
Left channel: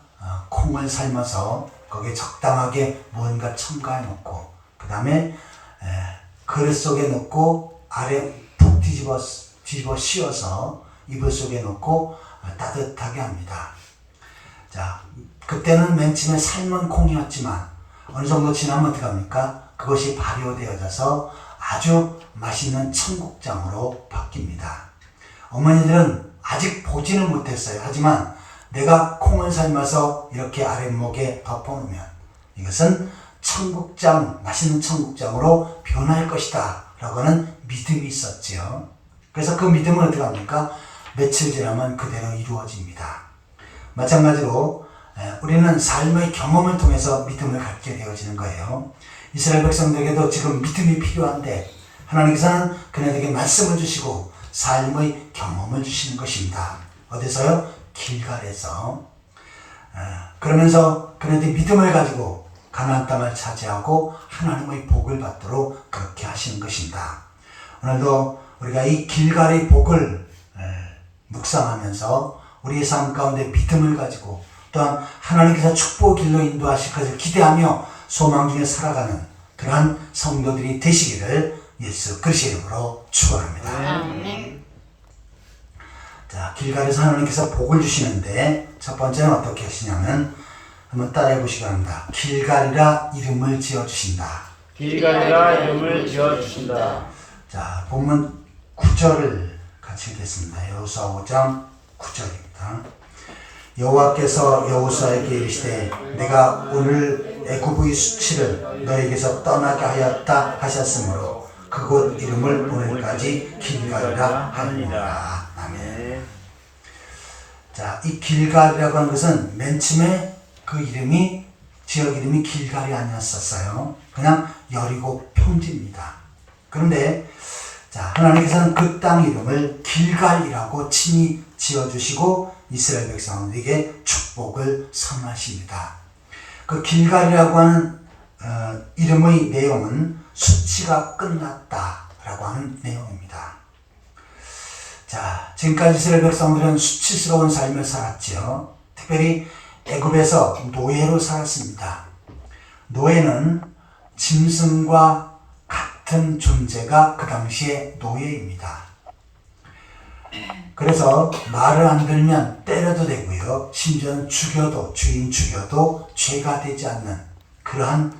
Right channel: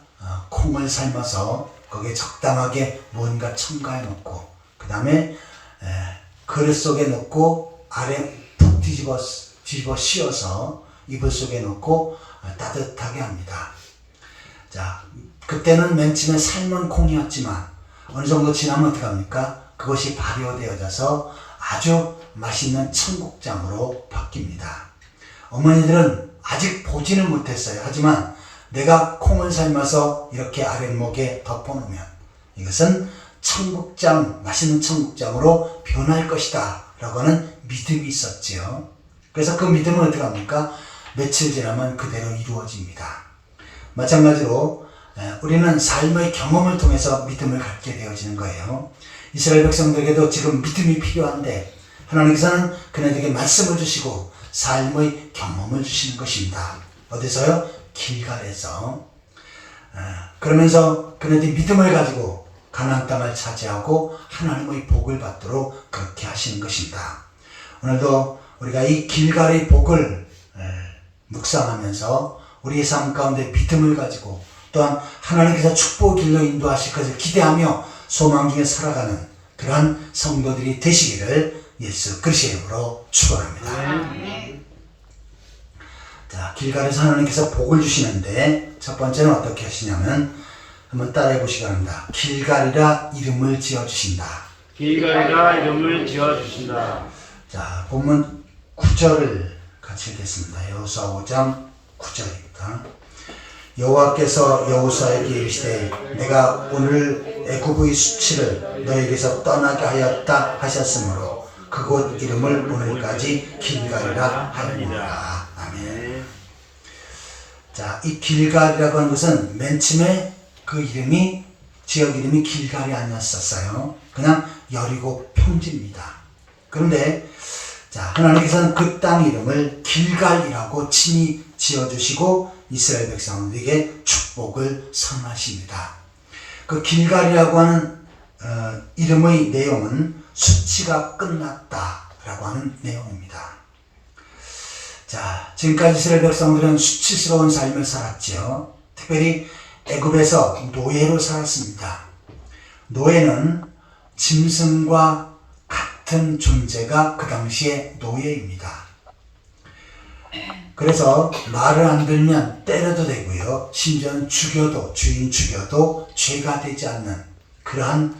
콩을 삶아서 거기에 적당하게 무언가 첨가해 놓고 그 다음에 그릇 속에 넣고 아래 푹 뒤집어 씌워서 이불 속에 넣고 따뜻하게 합니다. 자, 그때는 맨 처음에 삶은 콩이었지만 어느 정도 지나면 어떻게 합니까? 그것이 발효되어져서 아주 맛있는 청국장으로 바뀝니다. 어머니들은 아직 보지는 못했어요. 하지만 내가 콩을 삶아서 이렇게 아랫목에 덮어놓으면 이것은 청국장, 맛있는 청국장으로 변할 것이다 라고 하는 믿음이 있었지요. 그래서 그 믿음은 어떻게 합니까? 며칠 지나면 그대로 이루어집니다. 마찬가지로 우리는 삶의 경험을 통해서 믿음을 갖게 되어지는 거예요. 이스라엘 백성들에게도 지금 믿음이 필요한데 하나님께서는 그네들에게 말씀을 주시고 삶의 경험을 주시는 것입니다. 어디서요? 길갈에서. 그러면서 그네들이 믿음을 가지고 가나안 땅을 차지하고 하나님의 복을 받도록 그렇게 하시는 것입니다. 오늘도 우리가 이 길갈의 복을 묵상하면서 우리의 삶 가운데 믿음을 가지고 또한 하나님께서 축복의 길로 인도하실 것을 기대하며 소망 중에 살아가는 그러한 성도들이 되시기를 예수 그리스도의 이름으로 축원합니다. 자, 길갈에서 하나님께서 복을 주시는데 첫 번째는 어떻게 하시냐면 한번 따라해 보시기 바랍니다. 길갈이라 이름을 지어주신다. 길갈이라 이름을 지어주신다. 자, 본문 9절을 같이 읽겠습니다. 여호수아 5장 9절입니다. 여호와께서 여호수아에게 이르시되 내가 오늘 애굽의 수치를 너에게서 떠나게 하였다 하셨으므로 그곳 이름을 오늘까지 길갈이라 하느니라. 아멘. 자, 이 길갈이라고 하는 것은 맨 처음에 그 이름이 지역 이름이 길갈이 아니었었어요. 그냥 여리고 평지입니다. 그런데 자, 하나님께서는 그 땅 이름을 길갈이라고 친히 지어주시고 이스라엘 백성들에게 축복을 선언하십니다. 그 길갈이라고 하는 이름의 내용은 수치가 끝났다라고 하는 내용입니다. 자, 지금까지 이스라엘 백성들은 수치스러운 삶을 살았지요. 특별히 애굽에서 노예로 살았습니다. 노예는 짐승과 같은 존재가 그 당시에 노예입니다. 그래서 말을 안 들면 때려도 되고요. 심지어는 죽여도, 주인 죽여도 죄가 되지 않는 그러한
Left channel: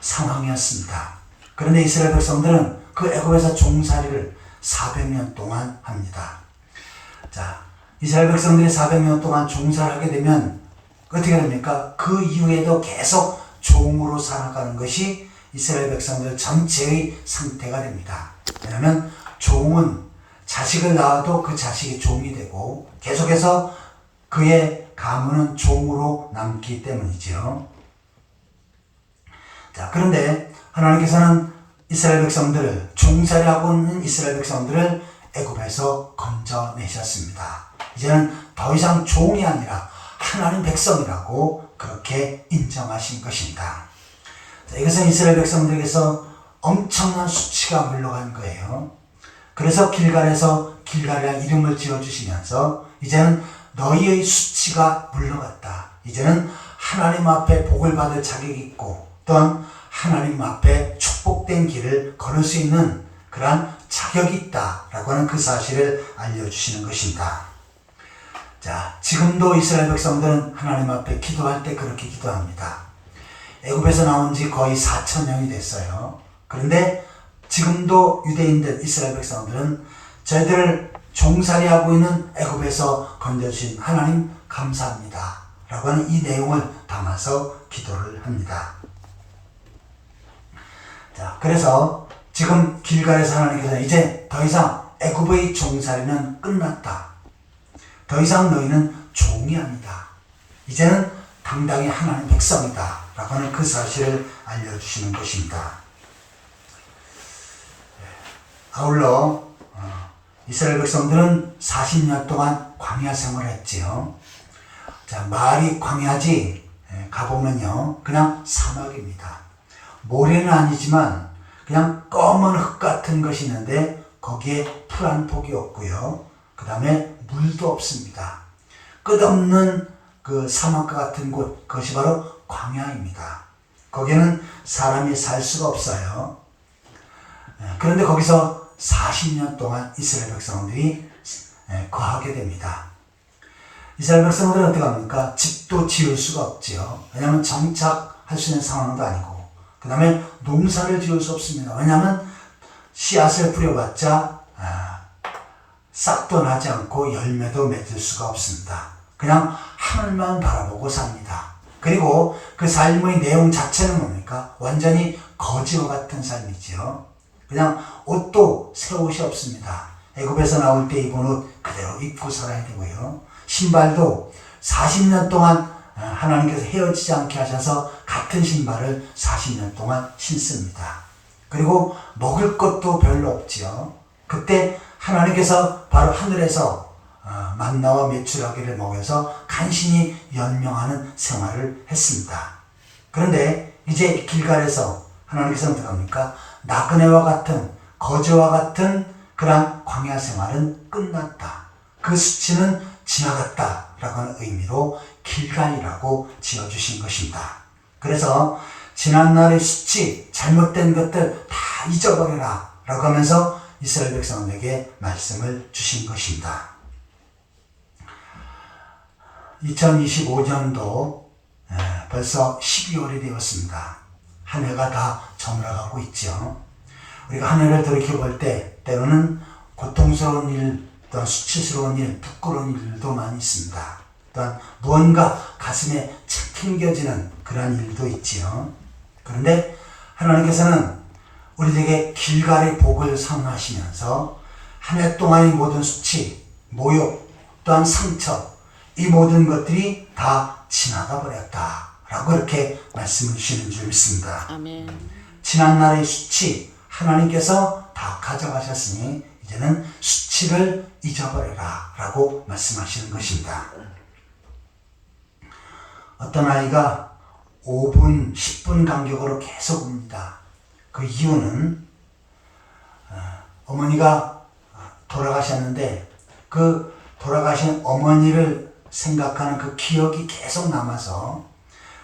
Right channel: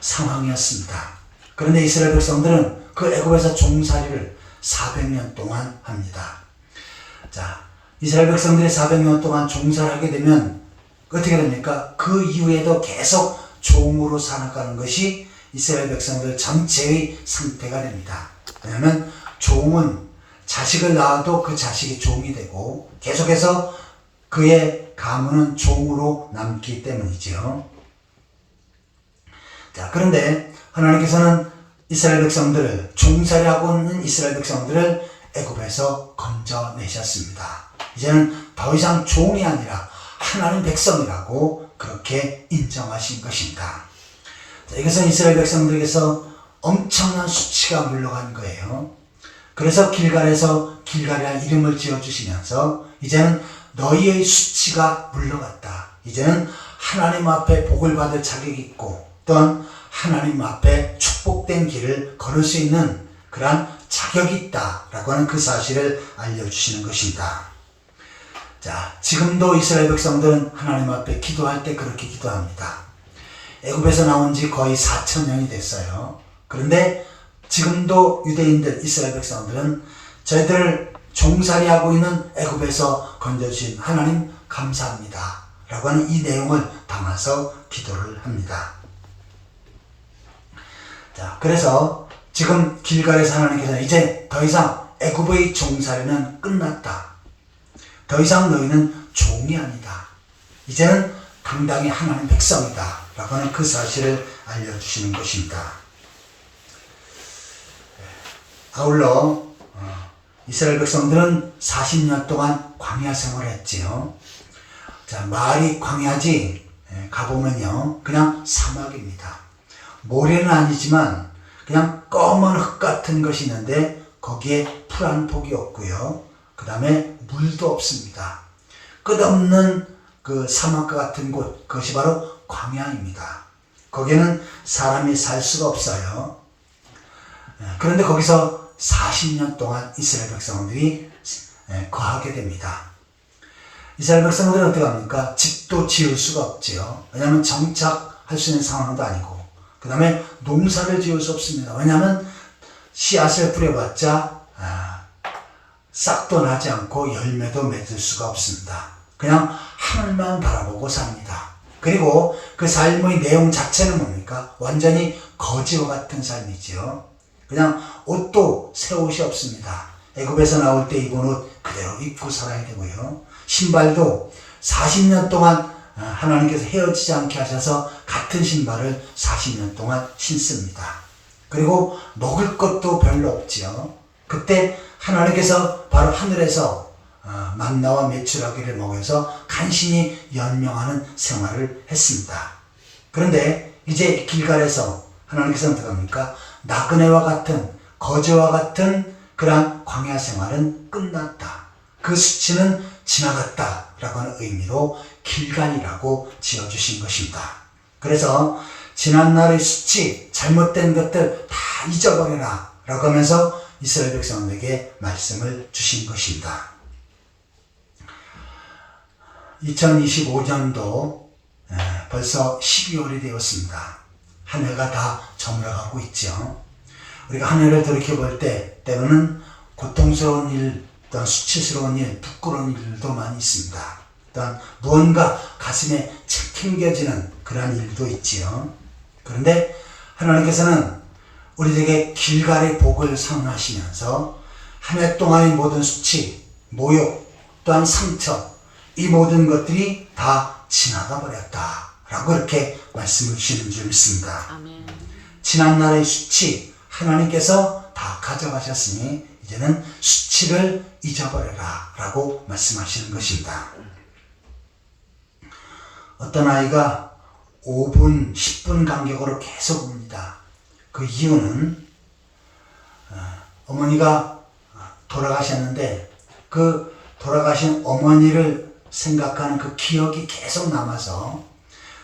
상황이었습니다. 그런데 이스라엘 백성들은 그 애굽에서 종살이를 400년 동안 합니다. 자, 이스라엘 백성들이 400년 동안 종살하게 되면 어떻게 됩니까? 그 이후에도 계속 종으로 살아가는 것이 이스라엘 백성들 전체의 상태가 됩니다. 왜냐하면 종은 자식을 낳아도 그 자식이 종이 되고 계속해서 그의 가문은 종으로 남기 때문이죠. 자, 그런데 하나님께서는 이스라엘 백성들을 종살이하고 있는 이스라엘 백성들을 애굽에서 건져내셨습니다. 이제는 더 이상 종이 아니라 하나님 백성이라고 그렇게 인정하신 것입니다. 자, 이것은 이스라엘 백성들에게서 엄청난 수치가 물러간 거예요. 그래서 길갈에서 길갈이라 이름을 지어주시면서 이제는 너희의 수치가 물러갔다. 이제는 하나님 앞에 복을 받을 자격이 있고 또한 하나님 앞에 축복된 길을 걸을 수 있는 그러한 자격이 있다라고 하는 그 사실을 알려주시는 것입니다. 자, 지금도 이스라엘 백성들은 하나님 앞에 기도할 때 그렇게 기도합니다. 애굽에서 나온 지 거의 4,000년이 됐어요. 그런데 지금도 유대인들, 이스라엘 백성들은 저희들 종살이하고 있는 애굽에서 건져주신 하나님 감사합니다 라고 하는 이 내용을 담아서 기도를 합니다. 자, 그래서 지금 길갈에서 하나님께서 이제 더 이상 애굽의 종살이는 끝났다. 더 이상 너희는 종이 아니다. 이제는 당당히 하나님 백성이다 라고 하는 그 사실을 알려주시는 것입니다. 아울러 이스라엘 백성들은 40년 동안 광야 생활을 했지요. 자, 말이 광야지 가보면요 그냥 사막입니다. 모래는 아니지만 그냥 검은 흙 같은 것이 있는데 거기에 풀 한 폭이 없고요. 그 다음에 물도 없습니다. 끝없는 그 사막과 같은 곳, 그것이 바로 광야입니다. 거기는 사람이 살 수가 없어요. 그런데 거기서 40년 동안 이스라엘 백성들이 거하게 됩니다. 이스라엘 백성들은 어떻게 합니까? 집도 지을 수가 없지요. 왜냐하면 정착할 수 있는 상황도 아니고 그 다음에 농사를 지을 수 없습니다. 왜냐하면 씨앗을 뿌려봤자 싹도 나지 않고 열매도 맺을 수가 없습니다. 그냥 하늘만 바라보고 삽니다. 그리고 그 삶의 내용 자체는 뭡니까? 완전히 거지와 같은 삶이지요. 그냥 옷도 새 옷이 없습니다. 애굽에서 나올 때 입은 옷 그대로 입고 살아야 되고요. 신발도 40년 동안 하나님께서 헤어지지 않게 하셔서 같은 신발을 40년 동안 신습니다. 그리고 먹을 것도 별로 없지요. 그때 하나님께서 바로 하늘에서 만나와 메추라기를 먹여서 간신히 연명하는 생활을 했습니다. 그런데 이제 길갈에서 하나님께서 어떻게 합니까? 나그네와 같은 거지와 같은 그러한 광야 생활은 끝났다. 그 수치는 지나갔다 라고 하는 의미로 길갈이라고 지어주신 것입니다. 그래서 지난날의 수치, 잘못된 것들 다 잊어버려라 라고 하면서 이스라엘 백성에게 말씀을 주신 것입니다. 2025년도 벌써 12월이 되었습니다. 한 해가 다 저물어가고 있죠. 우리가 한 해를 돌이켜볼 때 때로는 고통스러운 일, 또한 수치스러운 일, 부끄러운 일도 많이 있습니다. 또한 무언가 가슴에 챙겨지는 그런 일도 있지요. 그런데 하나님께서는 우리에게 길갈의 복을 선하시면서 한 해 동안의 모든 수치, 모욕, 또한 상처, 이 모든 것들이 다 지나가 버렸다 라고 이렇게 말씀을 주시는 줄 믿습니다. 아멘. 지난날의 수치 하나님께서 다 가져가셨으니 이제는 수치를 잊어버려라 라고 말씀하시는 것입니다. 어떤 아이가 5분, 10분 간격으로 계속 웁니다. 그 이유는 어머니가 돌아가셨는데 그 돌아가신 어머니를 생각하는 그 기억이 계속 남아서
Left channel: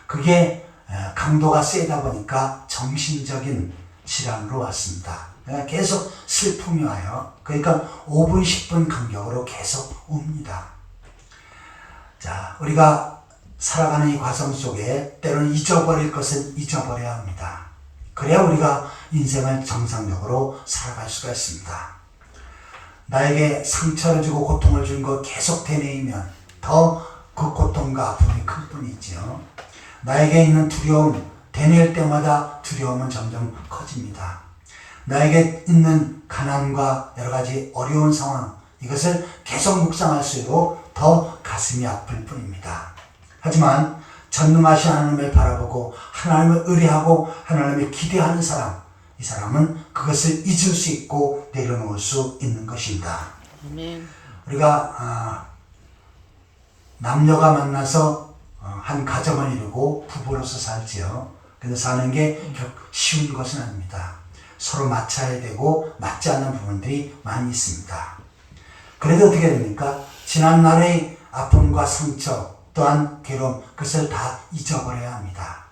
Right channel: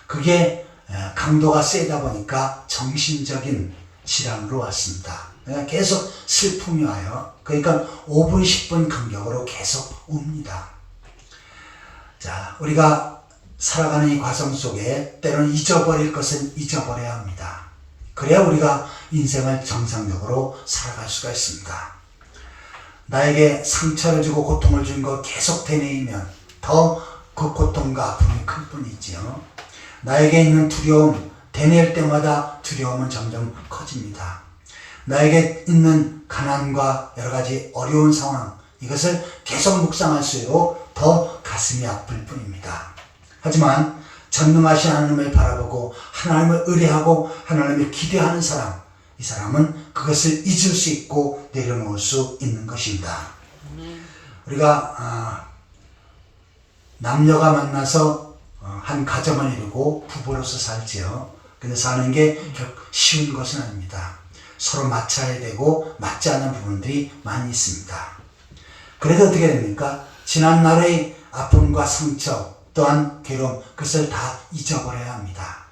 그게 강도가 세다 보니까 정신적인 질환으로 왔습니다. 그냥 계속 슬픔이 와요. 그러니까 5분 10분 간격으로 계속 옵니다. 자, 우리가 살아가는 이 과정 속에 때로는 잊어버릴 것은 잊어버려야 합니다. 그래야 우리가 인생을 정상적으로 살아갈 수가 있습니다. 나에게 상처를 주고 고통을 준 거 계속 되뇌이면 더 그 고통과 아픔이 클 뿐이지요. 나에게 있는 두려움, 되뇌일 때마다 두려움은 점점 커집니다. 나에게 있는 가난과 여러 가지 어려운 상황, 이것을 계속 묵상할수록 더 가슴이 아플 뿐입니다. 하지만 전능하신 하나님을 바라보고 하나님을 의뢰하고 하나님을 기대하는 사람, 이 사람은 그것을 잊을 수 있고 내려놓을 수 있는 것입니다. 우리가 남녀가 만나서 한 가정을 이루고 부부로서 살지요. 근데 사는 게 쉬운 것은 아닙니다. 서로 맞춰야 되고 맞지 않는 부분들이 많이 있습니다. 그래도 어떻게 됩니까? 지난날의 아픔과 상처 또한 괴로움, 그것을 다 잊어버려야 합니다.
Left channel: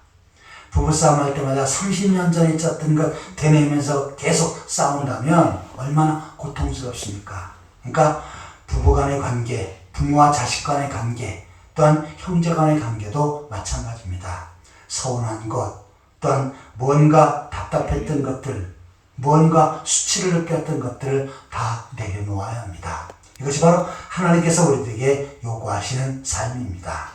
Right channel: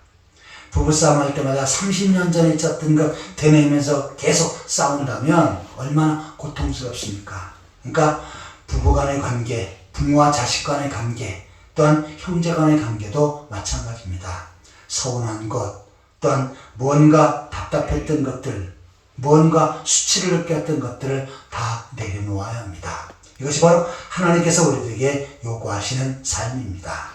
부부싸움 할 때마다 30년 전에 있었던 것 되뇌면서 계속 싸운다면 얼마나 고통스럽습니까? 그러니까 부부 간의 관계, 부모와 자식 간의 관계, 또한 형제 간의 관계도 마찬가지입니다. 서운한 것, 또한 무언가 답답했던 것들, 무언가 수치를 느꼈던 것들을 다 내려놓아야 합니다. 이것이 바로 하나님께서 우리들에게 요구하시는 삶입니다.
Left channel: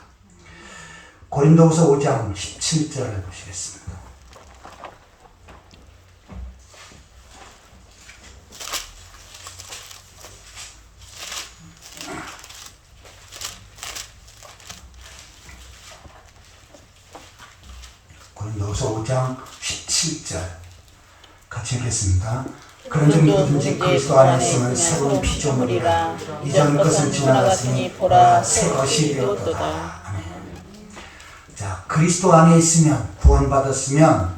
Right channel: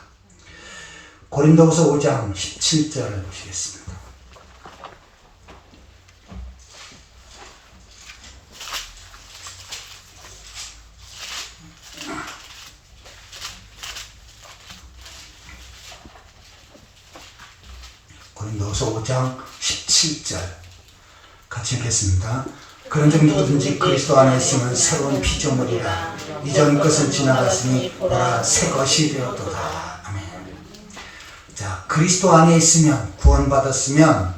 고린도후서 5장 17절을 보시겠습니다. 고린도후서 5장 17절 같이 읽겠습니다. 그런즉 누구든지 그리스도 안에 있으면 새로운 피조물이라 이전 것은 지나갔으니 보라 새 것이 되었도다. 아멘. 자, 그리스도 안에 있으면 구원받았으면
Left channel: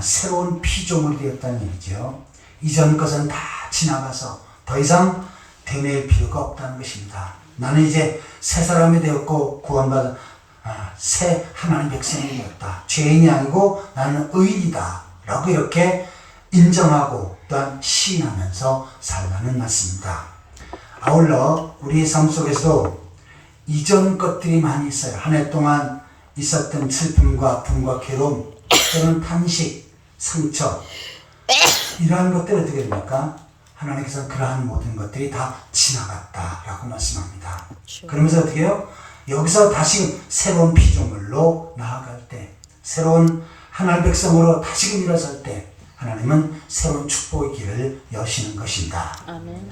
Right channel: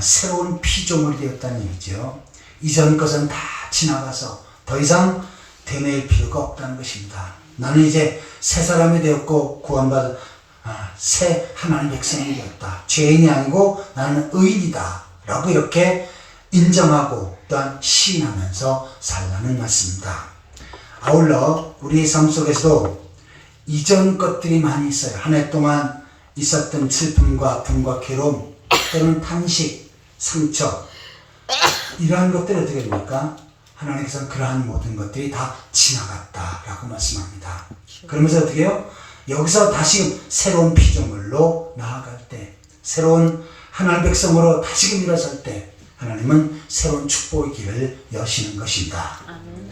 새로운 피조물이 되었다는 얘기죠. 이전 것은 다 지나가서 더 이상 되뇌일 필요가 없다는 것입니다. 나는 이제 새 사람이 되었고 구원받은 새 하나님 백성이 되었다. 죄인이 아니고 나는 의인이다 라고 이렇게 인정하고 또한 시인하면서 살라는 말씀입니다. 아울러 우리의 삶 속에서도 이전 것들이 많이 있어요. 한 해 동안 있었던 슬픔과 아픔과 괴로움, 또는 탄식, 상처, 이러한 것들이 어떻게 됩니까? 하나님께서는 그러한 모든 것들이 다 지나갔다라고 말씀합니다. 그러면서 어떻게 해요? 여기서 다시 새로운 피조물로 나아갈 때, 새로운 하나님 백성으로 다시금 일어설 때 하나님은 새로운 축복의 길을 여시는 것입니다. 아멘.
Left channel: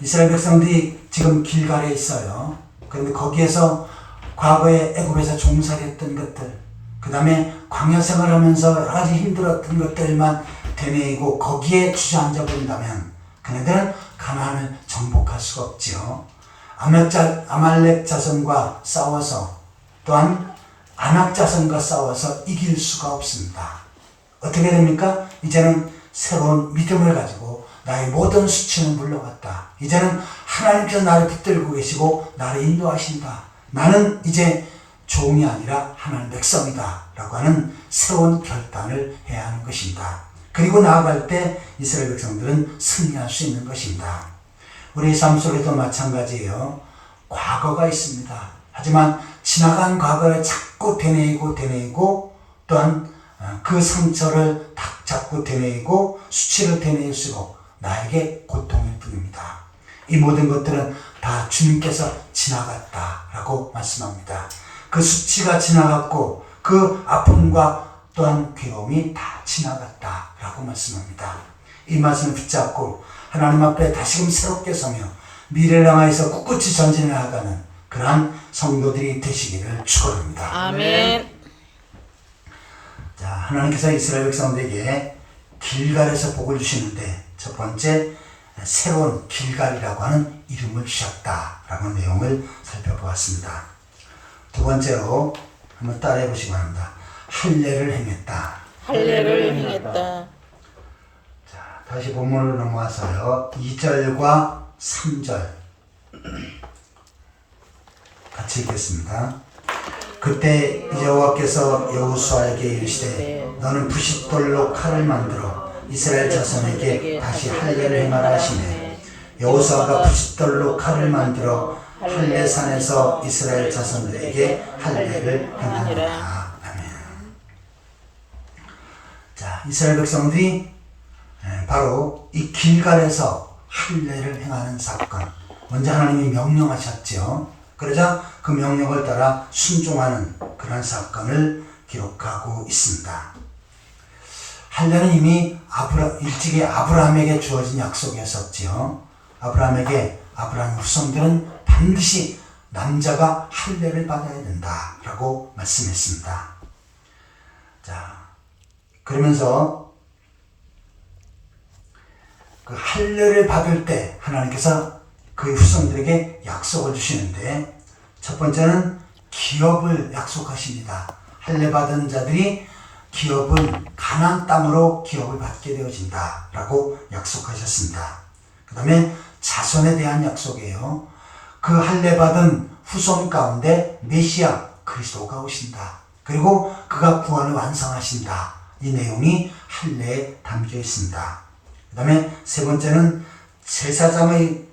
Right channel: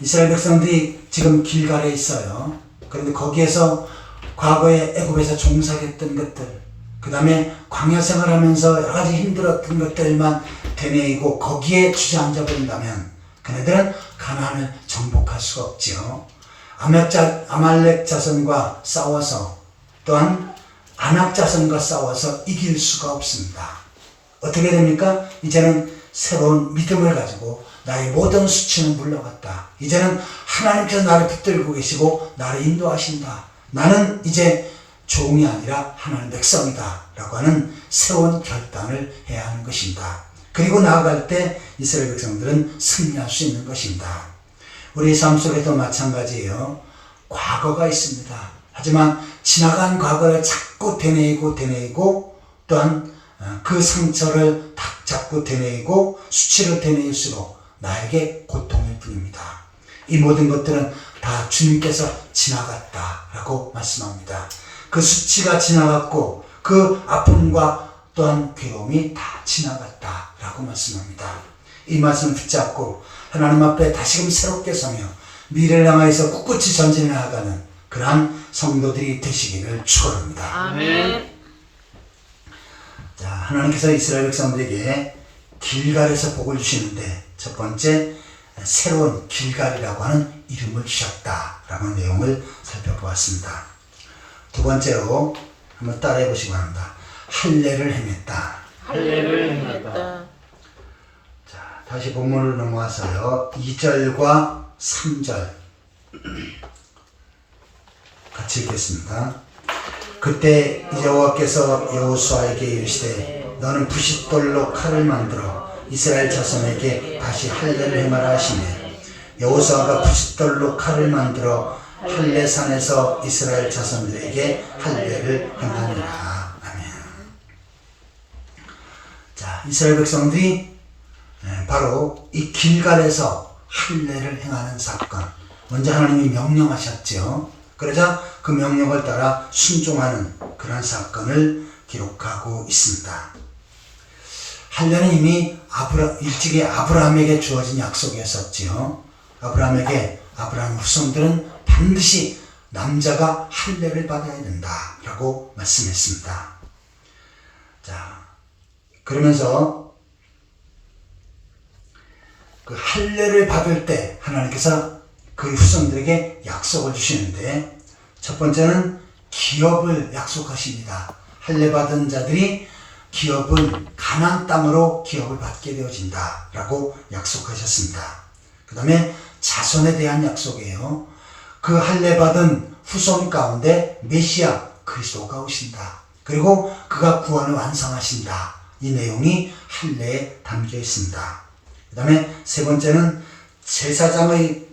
이스라엘 백성들이 지금 길갈에 있어요. 그런데 거기에서 과거에 애굽에서 종살이했던 것들, 그 다음에 광야 생활하면서 여러 가지 힘들었던 것들만 되뇌이고 거기에 주저앉아 버린다면 그네들은 가나안을 정복할 수가 없지요. 아말렉 자손과 싸워서 또한 아낙 자손과 싸워서 이길 수가 없습니다. 어떻게 됩니까? 이제는 새로운 믿음을 가지고 나의 모든 수치는 물러갔다. 이제는 하나님께서 나를 붙들고 계시고 나를 인도하신다. 나는 이제 종이 아니라 하나님 백성이다 라고 하는 새로운 결단을 해야 하는 것입니다. 그리고 나아갈 때 이스라엘 백성들은 승리할 수 있는 것입니다. 우리 삶 속에도 마찬가지예요. 과거가 있습니다. 하지만 지나간 과거를 자꾸 되뇌이고 또한 그 상처를 자꾸 되뇌이고 수치를 되뇌일수록 나에게 고통일 뿐입니다. 이 모든 것들은 다 주님께서 지나갔다라고 말씀합니다. 그 수치가 지나갔고 그 아픔과 또한 괴로움이 다 지나갔다라고 말씀합니다. 이 말씀을 붙잡고 하나님 앞에 다시금 새롭게 서며 미래를 향하여서 꿋꿋이 전진해 나가는 그러한 성도들이 되시기를 축원합니다. 아멘. 자, 하나님께서 이스라엘 백성들에게 길갈에서 복을 주시는데 첫 번째 새로운 길갈이라고 하는 이름을 주셨다라고 하는 내용을 살펴보았습니다. 두 번째로 한번 따라해 보시기 바랍니다. 할례를 행했다. 할례를 행했다. 자, 다시 본문으로 넘어와서요. 2절과 3절 같이 읽겠습니다. 그때 여호와께서 여호수아에게 이르시되 너는 부싯돌로 칼을 만들어 이스라엘 자손에게 다시 할례를 행하라 하시네. 여호수아가 부싯돌로 칼을 만들어 할례산에서 이스라엘 자손들에게 할례를 행하니라. 아멘. 자, 이스라엘 백성들이 바로 이 길갈에서 할례를 행하는 사건, 먼저 하나님이 명령하셨죠. 그러자 그 명령을 따라 순종하는 그런 사건을 기록하고 있습니다. 할례는 이미 일찍이 아브라함에게 주어진 약속이었었지요. 아브라함 후손들은 반드시 남자가 할례를 받아야 된다라고 말씀했습니다. 자, 그러면서 그 할례를 받을 때 하나님께서 그 후손들에게 약속을 주시는데, 첫 번째는 기업을 약속하십니다. 할례 받은 자들이 기업을 가나안 땅으로 기업을 받게 되어진다 라고 약속하셨습니다. 그 다음에 자손에 대한 약속이에요. 그 할례 받은 후손 가운데 메시아 그리스도가 오신다. 그리고 그가 구원을 완성하신다. 이 내용이 할례에 담겨 있습니다. 그 다음에 세 번째는 제사장의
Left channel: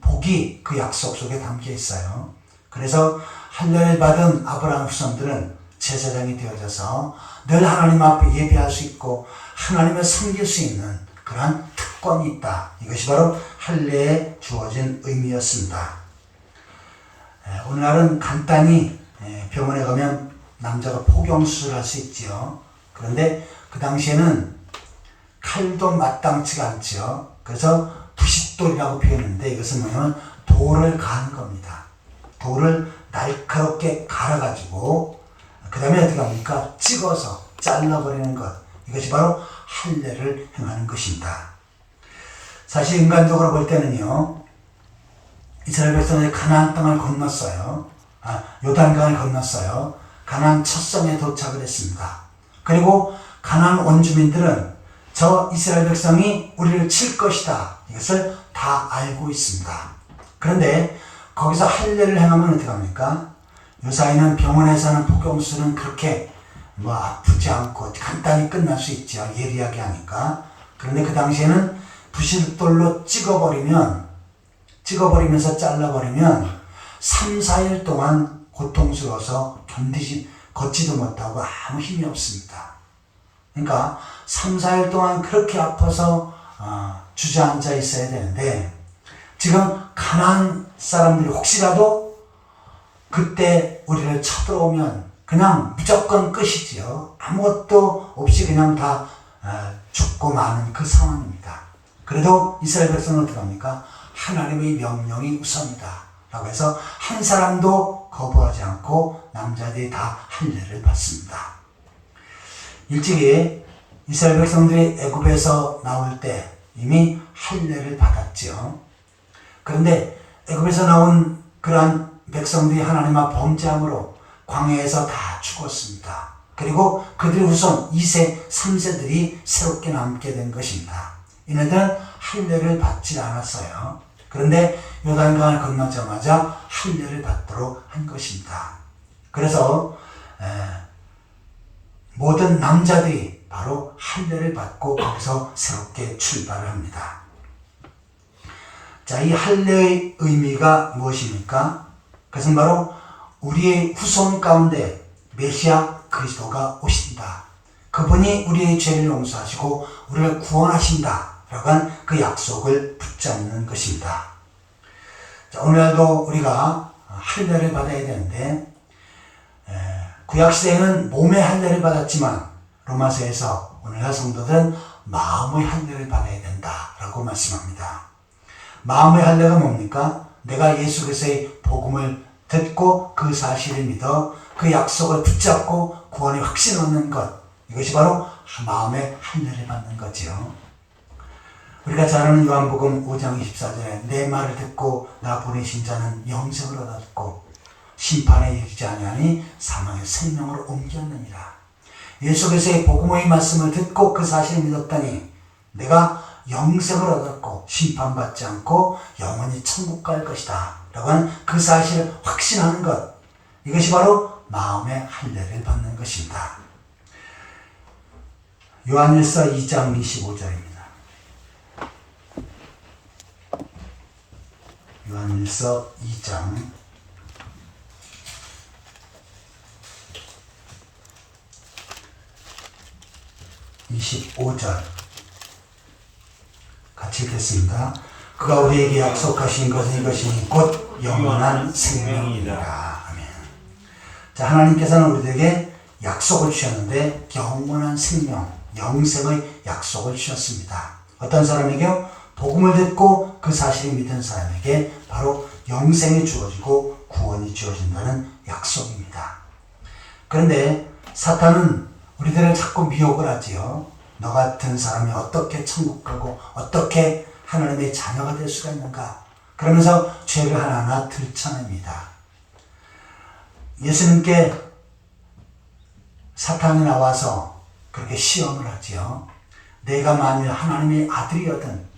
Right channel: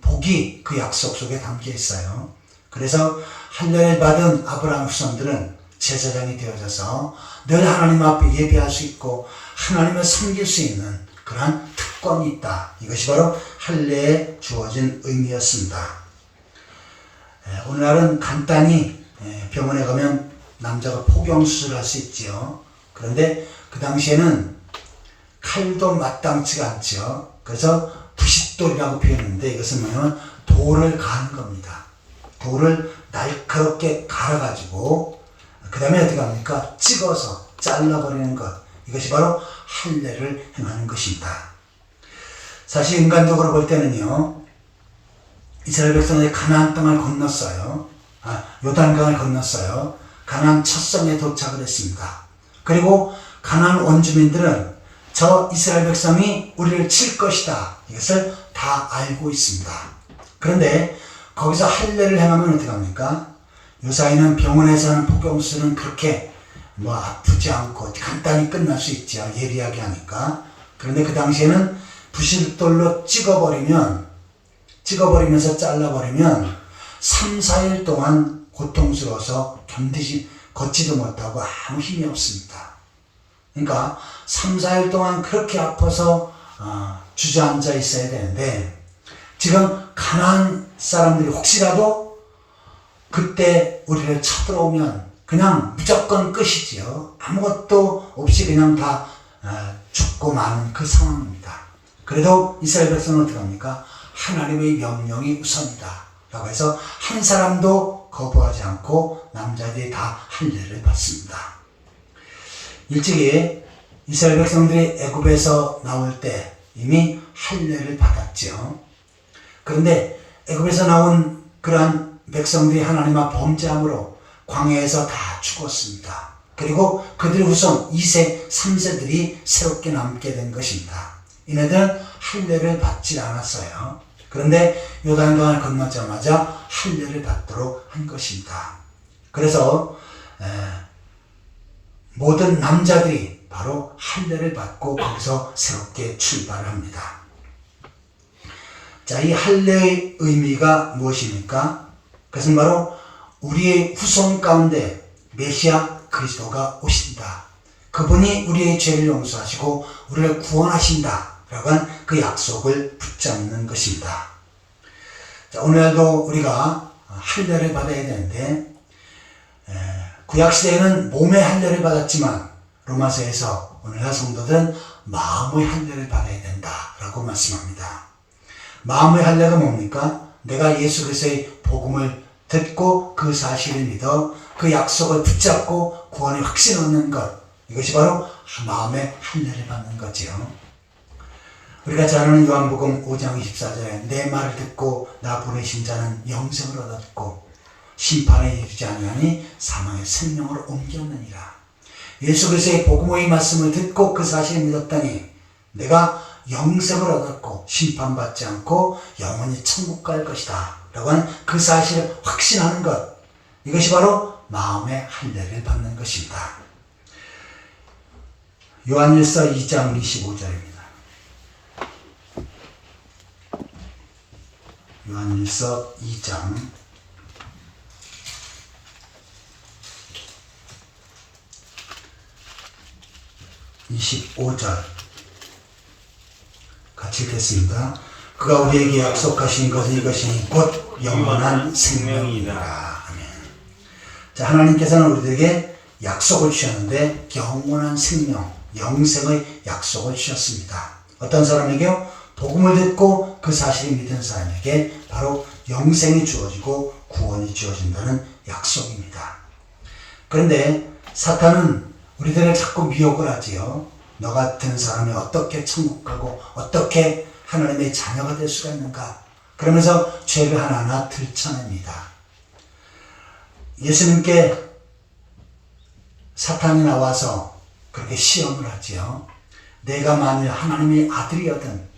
복이 그 약속 속에 담겨 있어요. 그래서 할례를 받은 아브라함 후손들은 제사장이 되어져서 늘 하나님 앞에 예배할 수 있고 하나님을 섬길 수 있는 그러한 특권이 있다. 이것이 바로 할례에 주어진 의미였습니다. 오늘날은 간단히 병원에 가면 남자가 포경수술을 할 수 있지요. 그런데 그 당시에는 칼도 마땅치가 않지요. 그래서 부싯돌이라고 표현했는데 이것은 뭐냐면 돌을 가는 겁니다. 돌을 날카롭게 갈아가지고 그 다음에 어떻게 합니까? 찍어서 잘라버리는 것. 이것이 바로 할례를 행하는 것입니다. 사실 인간적으로 볼 때는요, 이스라엘 백성들이 가나안 땅을 건넜어요. 요단강을 건넜어요. 가나안 첫성에 도착을 했습니다. 그리고 가나안 원주민들은 저 이스라엘 백성이 우리를 칠 것이다. 이것을 다 알고 있습니다. 그런데 거기서 할례를 행하면 어떻게 합니까? 요사이는 병원에서 하는 포경수술은 그렇게 아프지 않고 간단히 끝날 수 있죠. 예리하게 하니까. 그런데 그 당시에는 부싯돌로 찍어버리면서 잘라버리면 3, 4일 동안 고통스러워서 걷지도 못하고 아무 힘이 없습니다. 그러니까 3, 4일 동안 그렇게 아파서 주저앉아 있어야 되는데, 지금 가나안 사람들이 혹시라도 그때 우리를 쳐들어오면 그냥 무조건 끝이지요. 아무것도 없이 그냥 다 죽고 마는 그 상황입니다. 그래도 이스라엘 백성은 어떻게 합니까? 하나님의 명령이 우선이다 라고 해서 한 사람도 거부하지 않고 남자들이 다 할례를 받습니다. 일찍이 이스라엘 백성들이 애굽에서 나올 때 이미 할례를 받았죠. 그런데 애굽에서 나온 그러한 백성들이 하나님 앞 범죄함으로 광야에서 다 죽었습니다. 그리고 그들의 후손 2세, 3세들이 새롭게 남게 된 것입니다. 이네들은 할례를 받지 않았어요. 그런데 요단강을 건너자마자 할례를 받도록 한 것입니다. 그래서 모든 남자들이 바로 할례를 받고 거기서 새롭게 출발을 합니다. 자, 이 할례의 의미가 무엇입니까? 그것은 바로 우리의 후손 가운데 메시아 그리스도가 오신다. 그분이 우리의 죄를 용서하시고 우리를 구원하신다 라고 한 그 약속을 붙잡는 것입니다. 자, 오늘도 우리가 할례를 받아야 되는데, 구약시대에는 몸의 할례를 받았지만 로마서에서 오늘날 성도들은 마음의 할례를 받아야 된다라고 말씀합니다. 마음의 할례가 뭡니까? 내가 예수 그리스도의 복음을 듣고 그 사실을 믿어 그 약속을 붙잡고 구원의 확신 얻는 것, 이것이 바로 마음의 할례를 받는 거지요. 우리가 잘 아는 요한복음 5장 24절에 내 말을 듣고 나 보내신 자는 영생을 얻었고 심판에 이르지 아니하니 사망의 생명으로 옮겼느니라. 예수 그리스도의 복음의 말씀을 듣고 그 사실을 믿었더니 내가 영생을 얻었고 심판받지 않고 영원히 천국 갈 것이다 라고 하는 그 사실을 확신하는 것, 이것이 바로 마음의 할례를 받는 것입니다. 요한일서 2장 25절입니다. 요한일서 2장 25절 같이 읽겠습니다. 그가 우리에게 약속하신 것은 이것이니 곧 영원한 생명이라. 아멘. 자, 하나님께서는 우리들에게 약속을 주셨는데 영원한 생명, 영생의 약속을 주셨습니다. 어떤 사람에게요? 복음을 듣고 그 사실을 믿은 사람에게 바로 영생이 주어지고 구원이 주어진다는 약속입니다. 그런데 사탄은 우리들을 자꾸 미혹을 하지요. 너 같은 사람이 어떻게 천국 가고 어떻게 하나님의 자녀가 될 수가 있는가? 그러면서 죄를 하나하나 들춰냅니다. 예수님께 사탄이 나와서 그렇게 시험을 하지요. 내가 만일 하나님의 아들이거든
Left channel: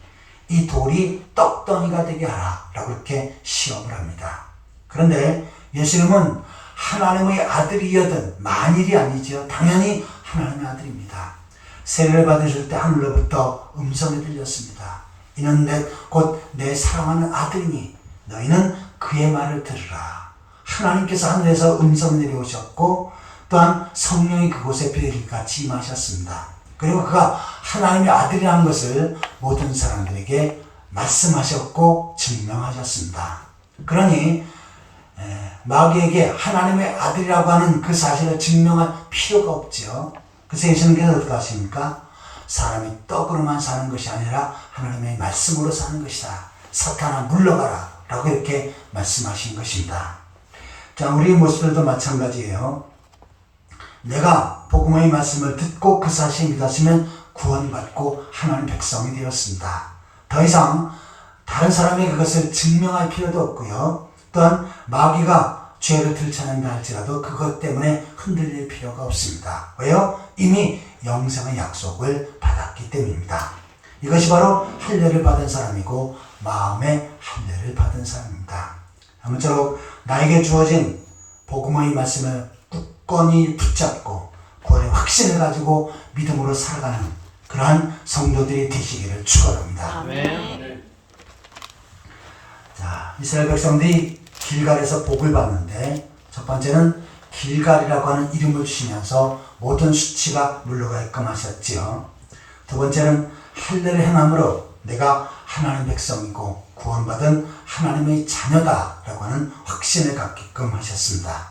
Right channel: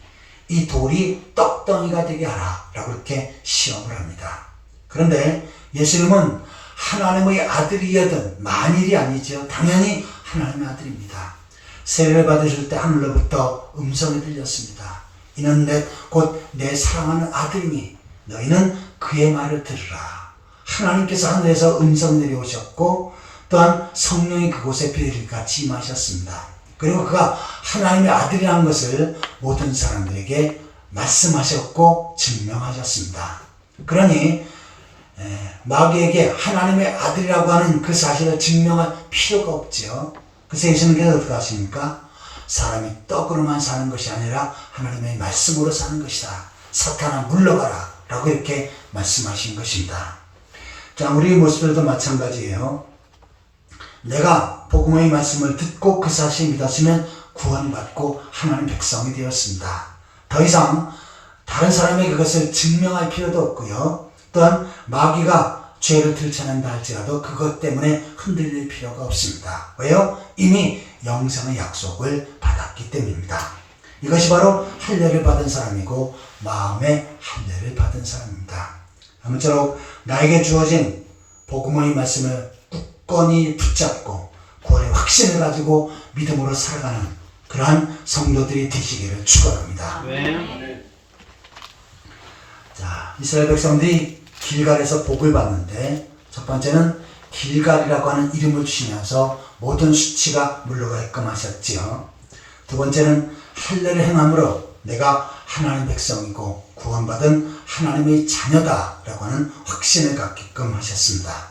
이 돌이 떡덩이가 되게 하라 라고 이렇게 시험을 합니다. 그런데 예수님은 하나님의 아들이거든 만일이 아니죠. 당연히 하나님의 아들입니다. 세례를 받으실 때 하늘로부터 음성이 들렸습니다. 이는 곧 내 사랑하는 아들이니 너희는 그의 말을 들으라. 하나님께서 하늘에서 음성 내려오셨고 또한 성령이 그곳에 비둘기같이 임하셨습니다. 그리고 그가 하나님의 아들이라는 것을 모든 사람들에게 말씀하셨고 증명하셨습니다. 그러니 마귀에게 하나님의 아들이라고 하는 그 사실을 증명할 필요가 없죠. 그래서 예수님께서 어떻게 하십니까? 사람이 떡으로만 사는 것이 아니라 하나님의 말씀으로 사는 것이다. 사탄아 물러가라 라고 이렇게 말씀하신 것입니다. 자, 우리 모습들도 마찬가지예요. 내가 복음의 말씀을 듣고 그 사실을 믿었으면 구원받고 하나님 백성이 되었습니다. 더 이상 다른 사람에게 그것을 증명할 필요도 없고요. 또한 마귀가 죄를 들춰낸다 할지라도 그것 때문에 흔들릴 필요가 없습니다. 왜요? 이미 영생의 약속을 받았기 때문입니다. 이것이 바로 할례를 받은 사람이고 마음의 할례를 받은 사람입니다. 아무쪼록 나에게 주어진 복음의 말씀을 굳건히 붙잡고 구원의 확신을 가지고 믿음으로 살아가는 그러한 성도들이 되시기를 축원합니다. 네. 자, 이스라엘 백성들이 길갈에서 복을 받는데 첫 번째는 길갈이라고 하는 이름을 주시면서 모든 수치가 물러가게끔 하셨지요. 두 번째는 할례를 행함으로 내가 하나님의 백성이고 구원받은 하나님의 자녀다라고 하는 확신을 갖게끔 하셨습니다.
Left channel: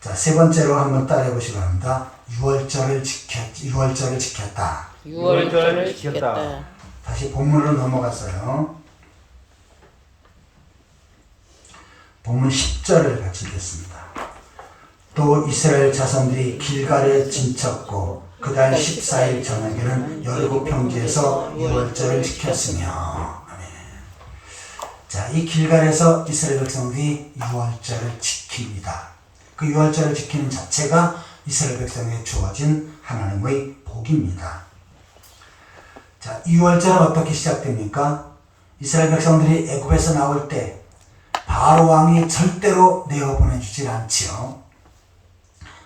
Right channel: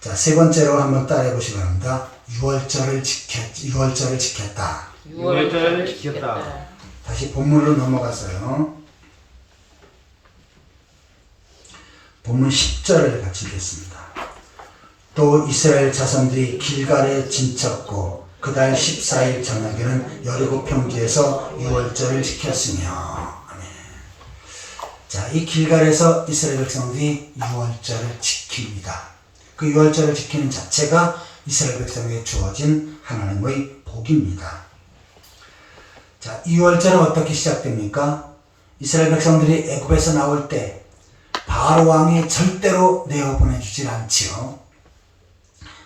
자, 세 번째로 한번 따라해 보시기 바랍니다. 유월절을 지켰다. 유월절을 지켰다. 다시 본문으로 넘어가서요. 본문 10절을 같이 읽겠습니다. 또 이스라엘 자손들이 길갈에 진쳤고 그달 14일 저녁에는 여리고 평지에서 유월절을 지켰으며. 아멘. 자, 이 길갈에서 이스라엘 백성들이 유월절을 지킵니다. 그 유월절을 지키는 자체가 이스라엘 백성에게 주어진 하나님의 복입니다. 자, 이 유월절은 어떻게 시작됩니까? 이스라엘 백성들이 애굽에서 나올 때 바로 왕이 절대로 내어보내주질 않지요.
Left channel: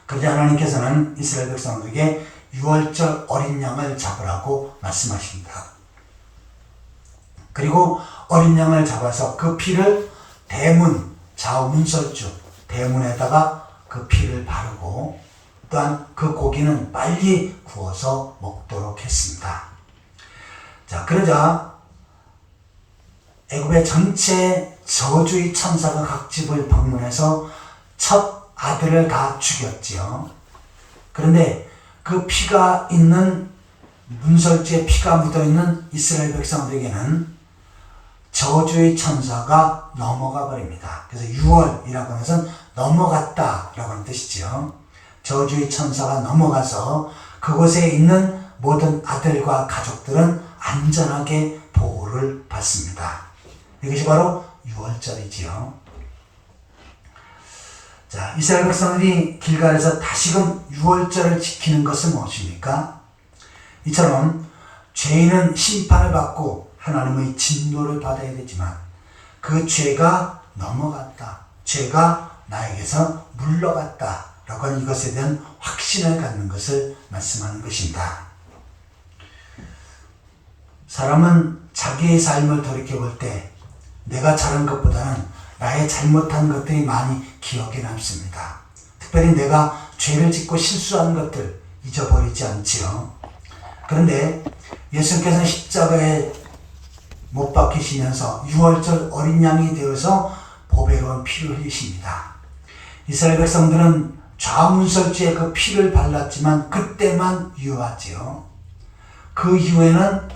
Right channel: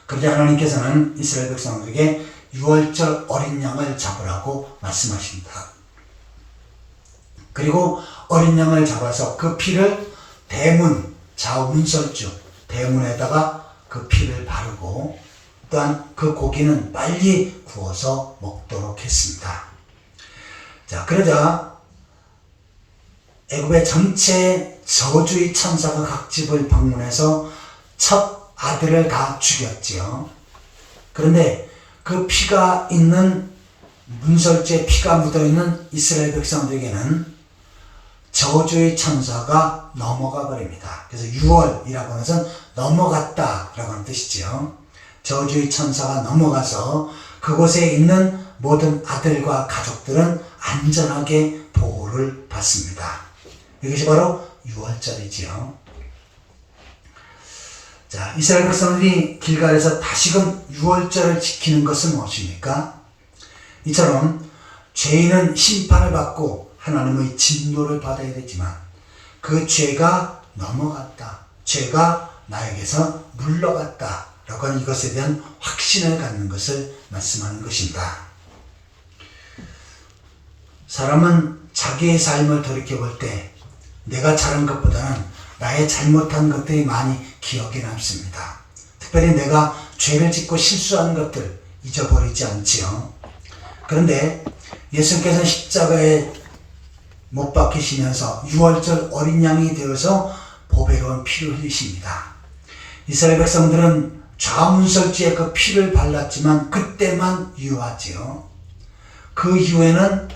그러자 하나님께서는 이스라엘 백성들에게 유월절 어린 양을 잡으라고 말씀하십니다. 그리고 어린 양을 잡아서 그 피를 대문, 좌우문설주 대문에다가 그 피를 바르고 또한 그 고기는 빨리 구워서 먹도록 했습니다. 자, 그러자 애굽의 전체 저주의 천사가 각 집을 방문해서 첫 아들을 다 죽였지요. 그런데 그 피가 있는 문설주에 피가 묻어있는 이스라엘 백성들에게는 저주의 천사가 넘어가 버립니다. 그래서 유월이라고 하는 것은 넘어갔다라고 하는 뜻이죠. 저주의 천사가 넘어가서 그곳에 있는 모든 아들과 가족들은 안전하게 보호를 받습니다. 이것이 바로 유월절이지요. 자, 이스라엘 백성들이 길갈에서 다시금 유월절을 지키는 것은 무엇입니까? 이처럼 죄인은 심판을 받고 하나님의 진노를 받아야 되지만 그 죄가 넘어갔다. 죄가 나에게서 물러갔다. 라고 하는 이것에 대한 확신을 갖는 것을 말씀하는 것입니다. 사람은 자기의 삶을 돌이켜볼 때 내가 잘한 것보다는 나의 잘못한 것들이 많이 기억에 남습니다. 특별히 내가 죄를 짓고 실수한 것들 잊어버리지 않지요. 그런데 예수님께서는 십자가에 못 박히시면서 유월절 어린 양이 되어서 보배로운 피를 흘리십니다. 이스라엘 백성들은 좌문설주에 그 피를 발랐지만 그때만 유효하지요. 그 이후에는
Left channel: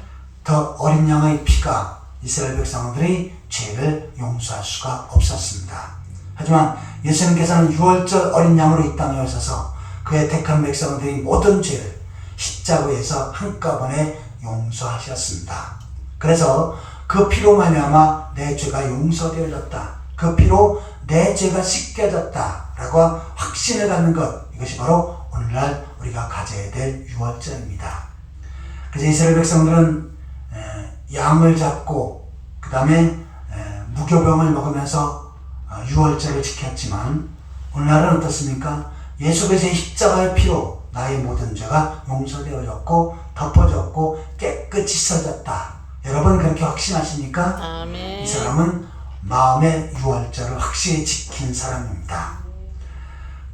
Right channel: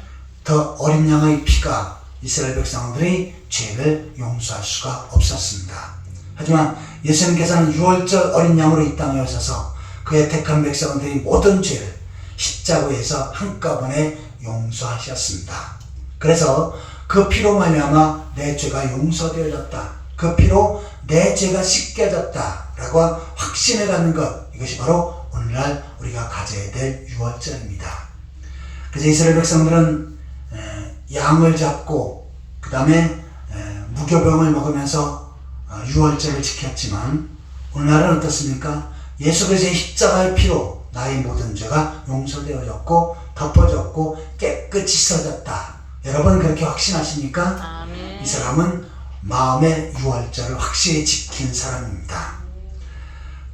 더 어린 양의 피가 이스라엘 백성들의 죄를 용서할 수가 없었습니다. 하지만 예수님께서는 유월절 어린 양으로 이 땅에 오셔서 그의 택한 백성들의 모든 죄를 십자가에서 한꺼번에 용서하셨습니다. 그래서 그 피로 말미암아 내 죄가 용서되어졌다. 그 피로 내 죄가 씻겨졌다. 라고 확신을 갖는 것, 이것이 바로 오늘날 우리가 가져야 될 유월절입니다. 그래서 이스라엘 백성들은 양을 잡고 그 다음에 무교병을 먹으면서 유월절을 지켰지만 오늘날은 어떻습니까? 예수 그리스도의 십자가의 피로 나의 모든 죄가 용서되어졌고 덮어졌고 깨끗이 씻어졌다. 여러분 그렇게 확신하십니까? 아멘. 이 사람은 마음의 유월절을 확실히 지킨 사람입니다.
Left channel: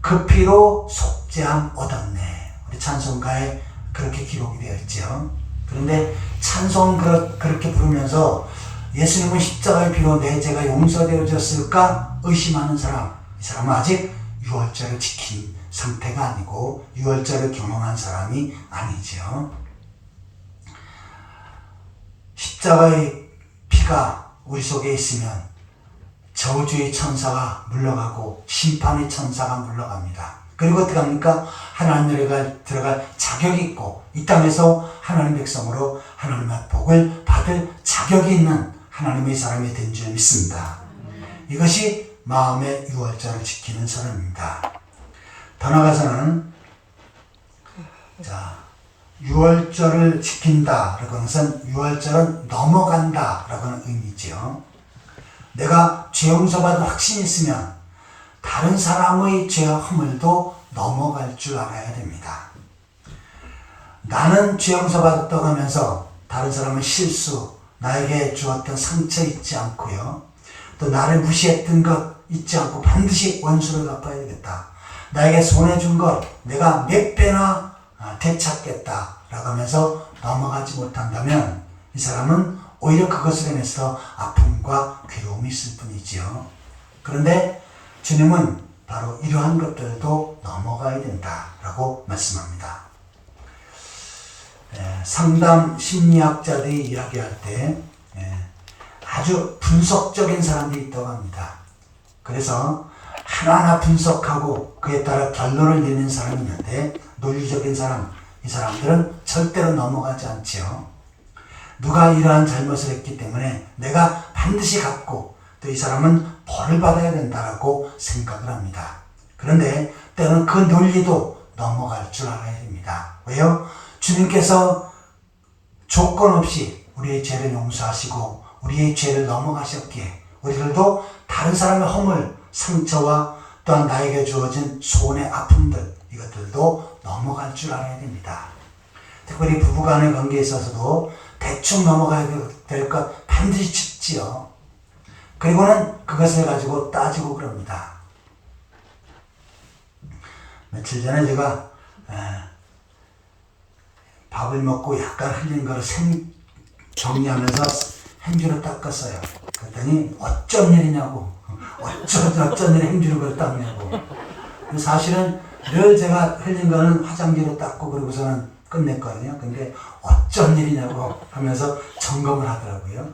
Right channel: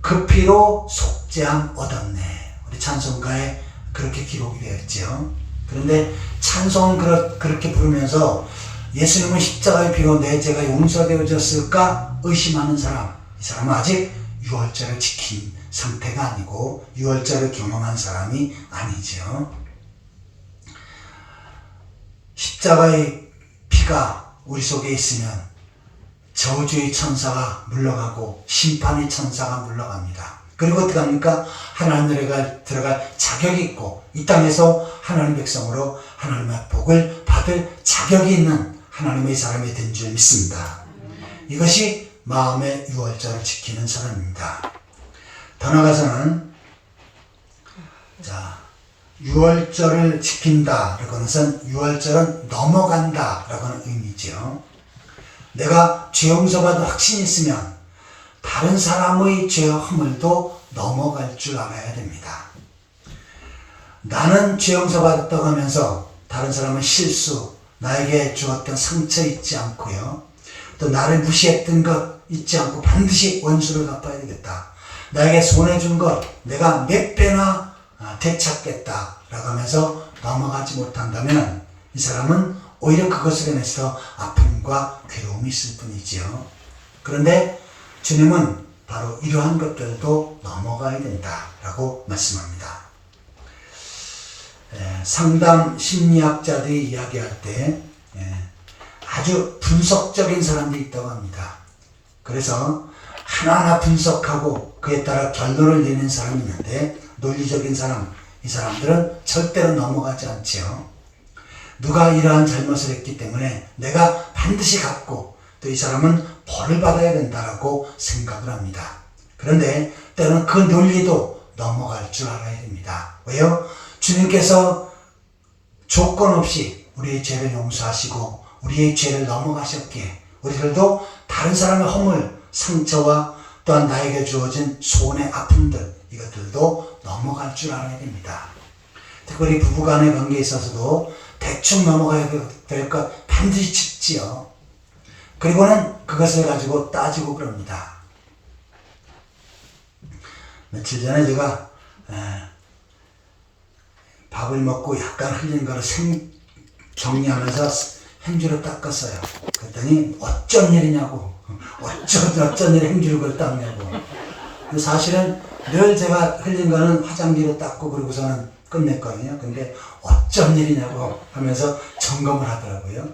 그 피로 속죄함 얻었네. 우리 찬송가에 그렇게 기록이 되어 있죠. 그런데 찬송을 그렇게 부르면서 예수님은 십자가의 피로 내 죄가 용서되어졌을까 의심하는 사람, 이 사람은 아직 유월절을 지킨 상태가 아니고 유월절을 경험한 사람이 아니죠. 십자가의 피가 우리 속에 있으면 저주의 천사가 물러가고 심판의 천사가 물러갑니다. 그리고 어떻게 합니까? 하나님 나라에 들어갈 자격이 있고 이 땅에서 하나님 백성으로 하나님의 복을 받을 자격이 있는 하나님의 사람이 된 줄 믿습니다. 이것이 마음의 유월절을 지키는 사람입니다. 더 나아가서는 유월절을 지킨다라고 하는 것은 유월절은 넘어간다라고 하는 의미죠. 내가 죄 용서받은 확신이 있으면 다른 사람의 죄와 허물도 넘어갈 줄 알아야 됩니다. 나는 죄 용서받았다고 하면서 다른 사람의 실수, 나에게 주었던 상처 잊지 않고요. 또 나를 무시했던 것 잊지 않고 반드시 원수를 갚아야 되겠다. 나에게 손해준 것 내가 몇 배나 되찾겠다 라고 하면서 넘어가지 못한다면 이 사람은 오히려 그것으로 인해서 아픔과 괴로움이 있을 뿐이지요. 그런데 주님은 바로 이러한 것들도 넘어가야 된다라고 말씀합니다. 상담 심리학자들이 이야기할 때 아주 분석적인 사람들이 있다고 합니다. 그래서 하나하나 분석하고 그에 따라 결론을 내는 사람이 있는데 논리적인 사람, 이 사람들은 절대로 넘어가지 않지요. 누가 이러한 잘못을 했기 때문에 내가 반드시 갚고 또 이 사람은 벌을 받아야 된다라고 생각을 합니다. 그런데 때로는 그 논리도 넘어갈 줄 알아야 됩니다. 왜요? 주님께서 조건 없이 우리의 죄를 용서하시고 우리의 죄를 넘어가셨기에 우리들도 다른 사람의 허물, 상처와 또한 나에게 주어진 소원의 아픔들 이것들도 넘어갈 줄 알아야 됩니다. 특별히 부부간의 관계에 있어서도 대충 넘어가야 될 것 반드시 짚지요. 그리고는 그것을 가지고 따지고 그럽니다. 며칠 전에 제가 밥을 먹고 약간 흘린 거를 정리하면서 행주로 닦았어요. 그랬더니 어쩐 일이냐고, 어쩐 일에 행주로 그걸 닦냐고. 사실은 늘 제가 흘린 거는 화장지로 닦고 그러고서는 끝냈거든요. 근데 어쩐 일이냐고 하면서 점검을 하더라고요.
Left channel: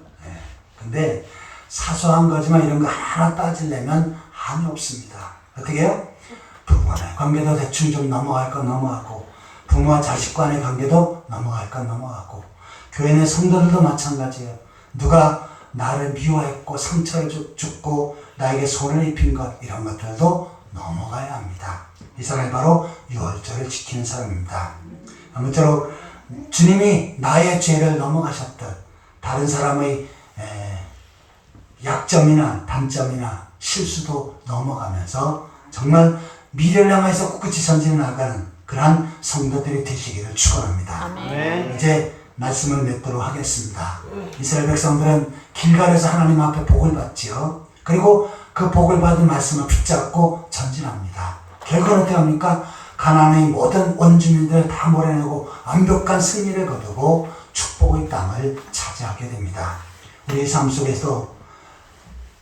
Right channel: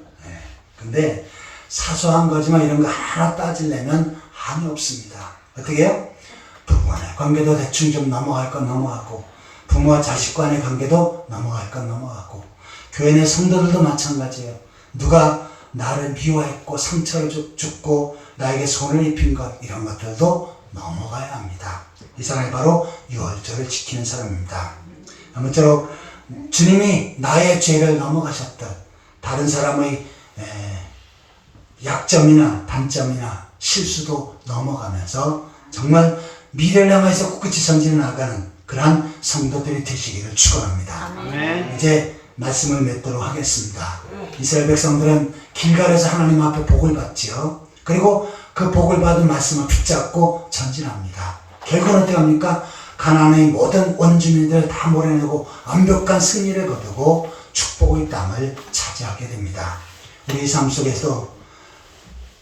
근데 사소한 거지만 이런 거 하나 따지려면 한이 없습니다. 어떻게 해요? 부부 간의 관계도 대충 좀 넘어갈 건 넘어가고 부모와 자식 간의 관계도 넘어갈 건 넘어가고 교회 내 성도들도 마찬가지예요. 누가 나를 미워했고 상처를 줬고 나에게 손을 입힌 것 이런 것들도 넘어가야 합니다. 이 사람이 바로 유월절을 지키는 사람입니다. 아무쪼록 주님이 나의 죄를 넘어가셨듯 다른 사람의 약점이나 단점이나 실수도 넘어가면서 정말 미래를 향해서 꿋꿋이 전진해 나가는 그러한 성도들이 되시기를 축원합니다. 아멘. 이제 말씀을 맺도록 하겠습니다. 이스라엘 백성들은 길갈에서 하나님 앞에 복을 받지요. 그리고 그 복을 받은 말씀을 붙잡고 전진합니다. 결국은 어떻게 합니까? 가나안의 모든 원주민들을 다 몰아내고 완벽한 승리를 거두고 축복의 땅을 차지하게 됩니다. 우리 삶 속에서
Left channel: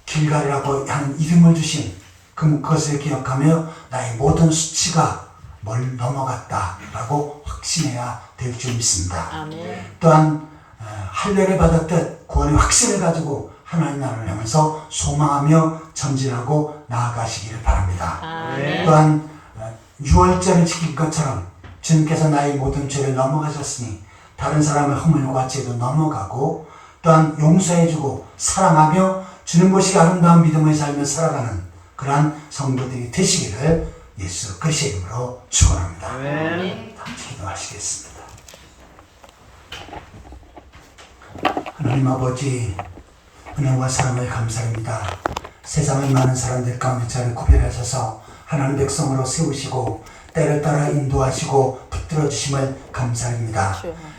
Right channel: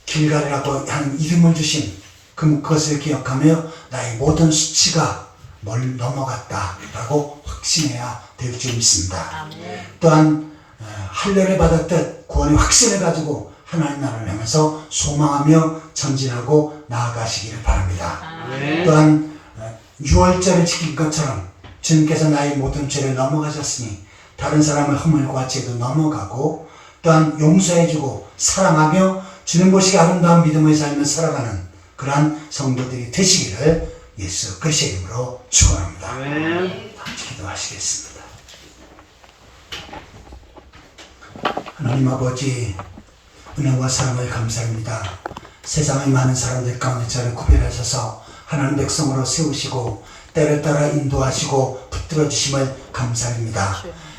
길갈이라고 하는 이름을 주신 그것을 기억하며 나의 모든 수치가 넘어갔다라고 확신해야 될 줄 믿습니다. 아멘. 또한 할례를 받았듯 구원의 확신을 가지고 하나님 나라를 향해서 소망하며 전진하고 나아가시기를 바랍니다. 아멘. 또한 유월절을 지킬 것처럼 주님께서 나의 모든 죄를 넘어가셨으니 다른 사람의 허물과 죄도 넘어가고 또한 용서해주고 사랑하며 주님 보시기 아름다운 믿음의 삶을 살아가는 그러한 성도들이 되시기를 예수 그리스도의 이름으로 축원합니다. 아멘. 기도하시겠습니다. 하나님 아버지, 은혜와 사랑을 감사합니다. 세상의 많은 사람들 가운데 저를 구별하셔서 하나님 백성으로 세우시고 때를 따라 인도하시고 붙들어 주심을 감사합니다.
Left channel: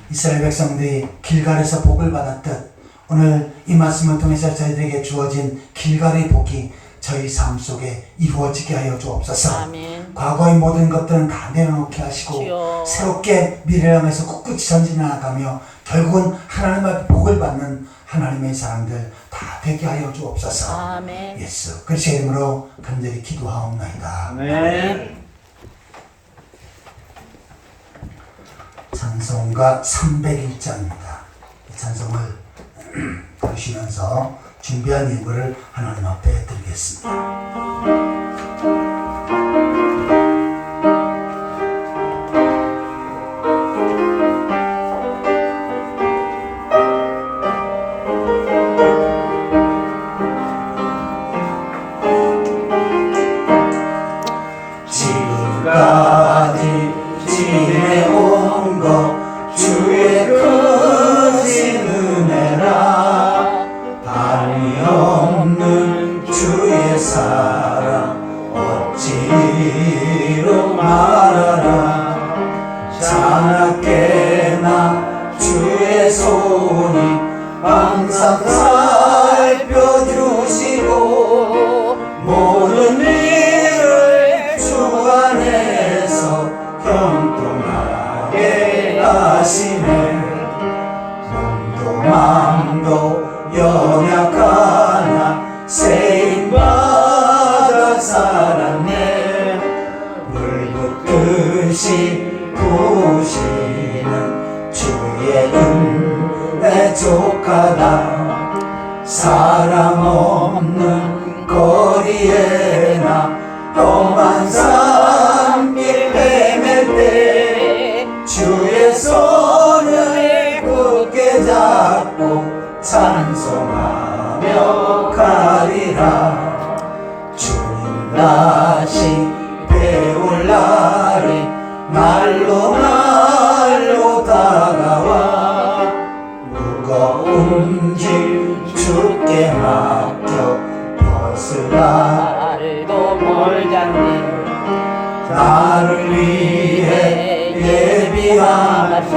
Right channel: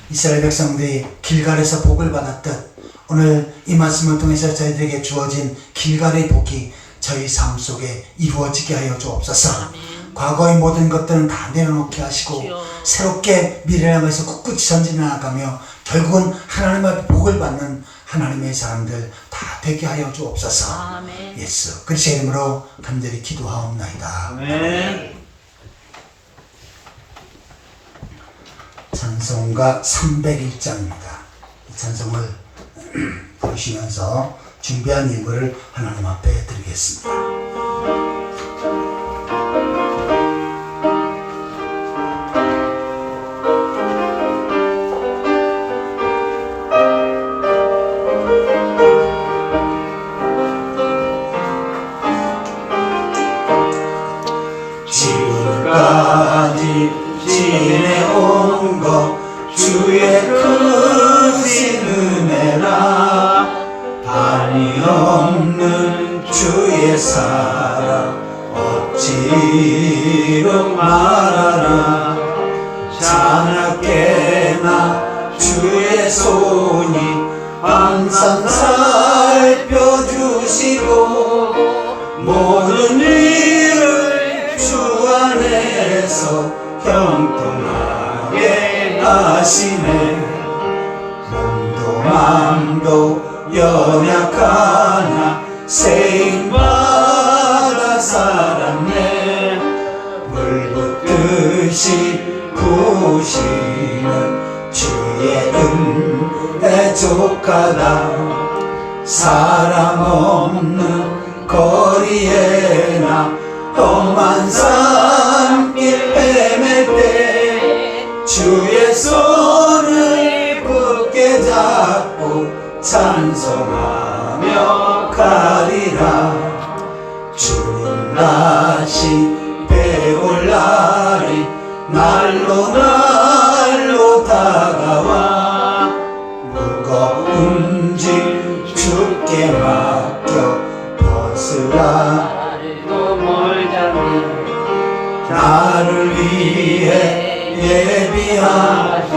이스라엘 백성들이 길갈에서 복을 받았듯 오늘 이 말씀을 통해서 저희들에게 주어진 길갈의 복이 저희 삶 속에 이루어지게 하여 주옵소서. 아멘. 과거의 모든 것들은 다 내려놓게 하시고 주여. 새롭게 미래를 향해서 꿋꿋이 전진해 나가며 결국은 하나님 앞에 복을 받는 하나님의 사람들 다 되게 하여 주옵소서. 아멘. 예수 그리스도의 이름으로 간절히 기도하옵나이다. 아멘. 찬송가 301장입니다. 이 찬송을 부르시면서 준비한 예물을 하나님 앞에 드리겠습니다. 지금까지 지내온 것 주의 크신 은혜라 한이 없는 주의 사랑 어찌 이름 말하라 자나깨나 주의 손이 항상 살펴주시고 모든 일을 주 안에서 형통하게 하시네 몸도 마음도 연약하나 세임받아 살았네 물 붓듯이 부시는 주의 은혜 족하다 사람 없는 거리에나 험한 산길 헤맬 때 주의 손을 굳게 잡고 찬송하며 가리라 주님 다시 배울 날이 날로 날로 다가와 무거운 짐 주께 맡겨 벗으라 나를도 몰자는 나를 위해 예비하신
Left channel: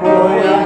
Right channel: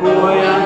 고향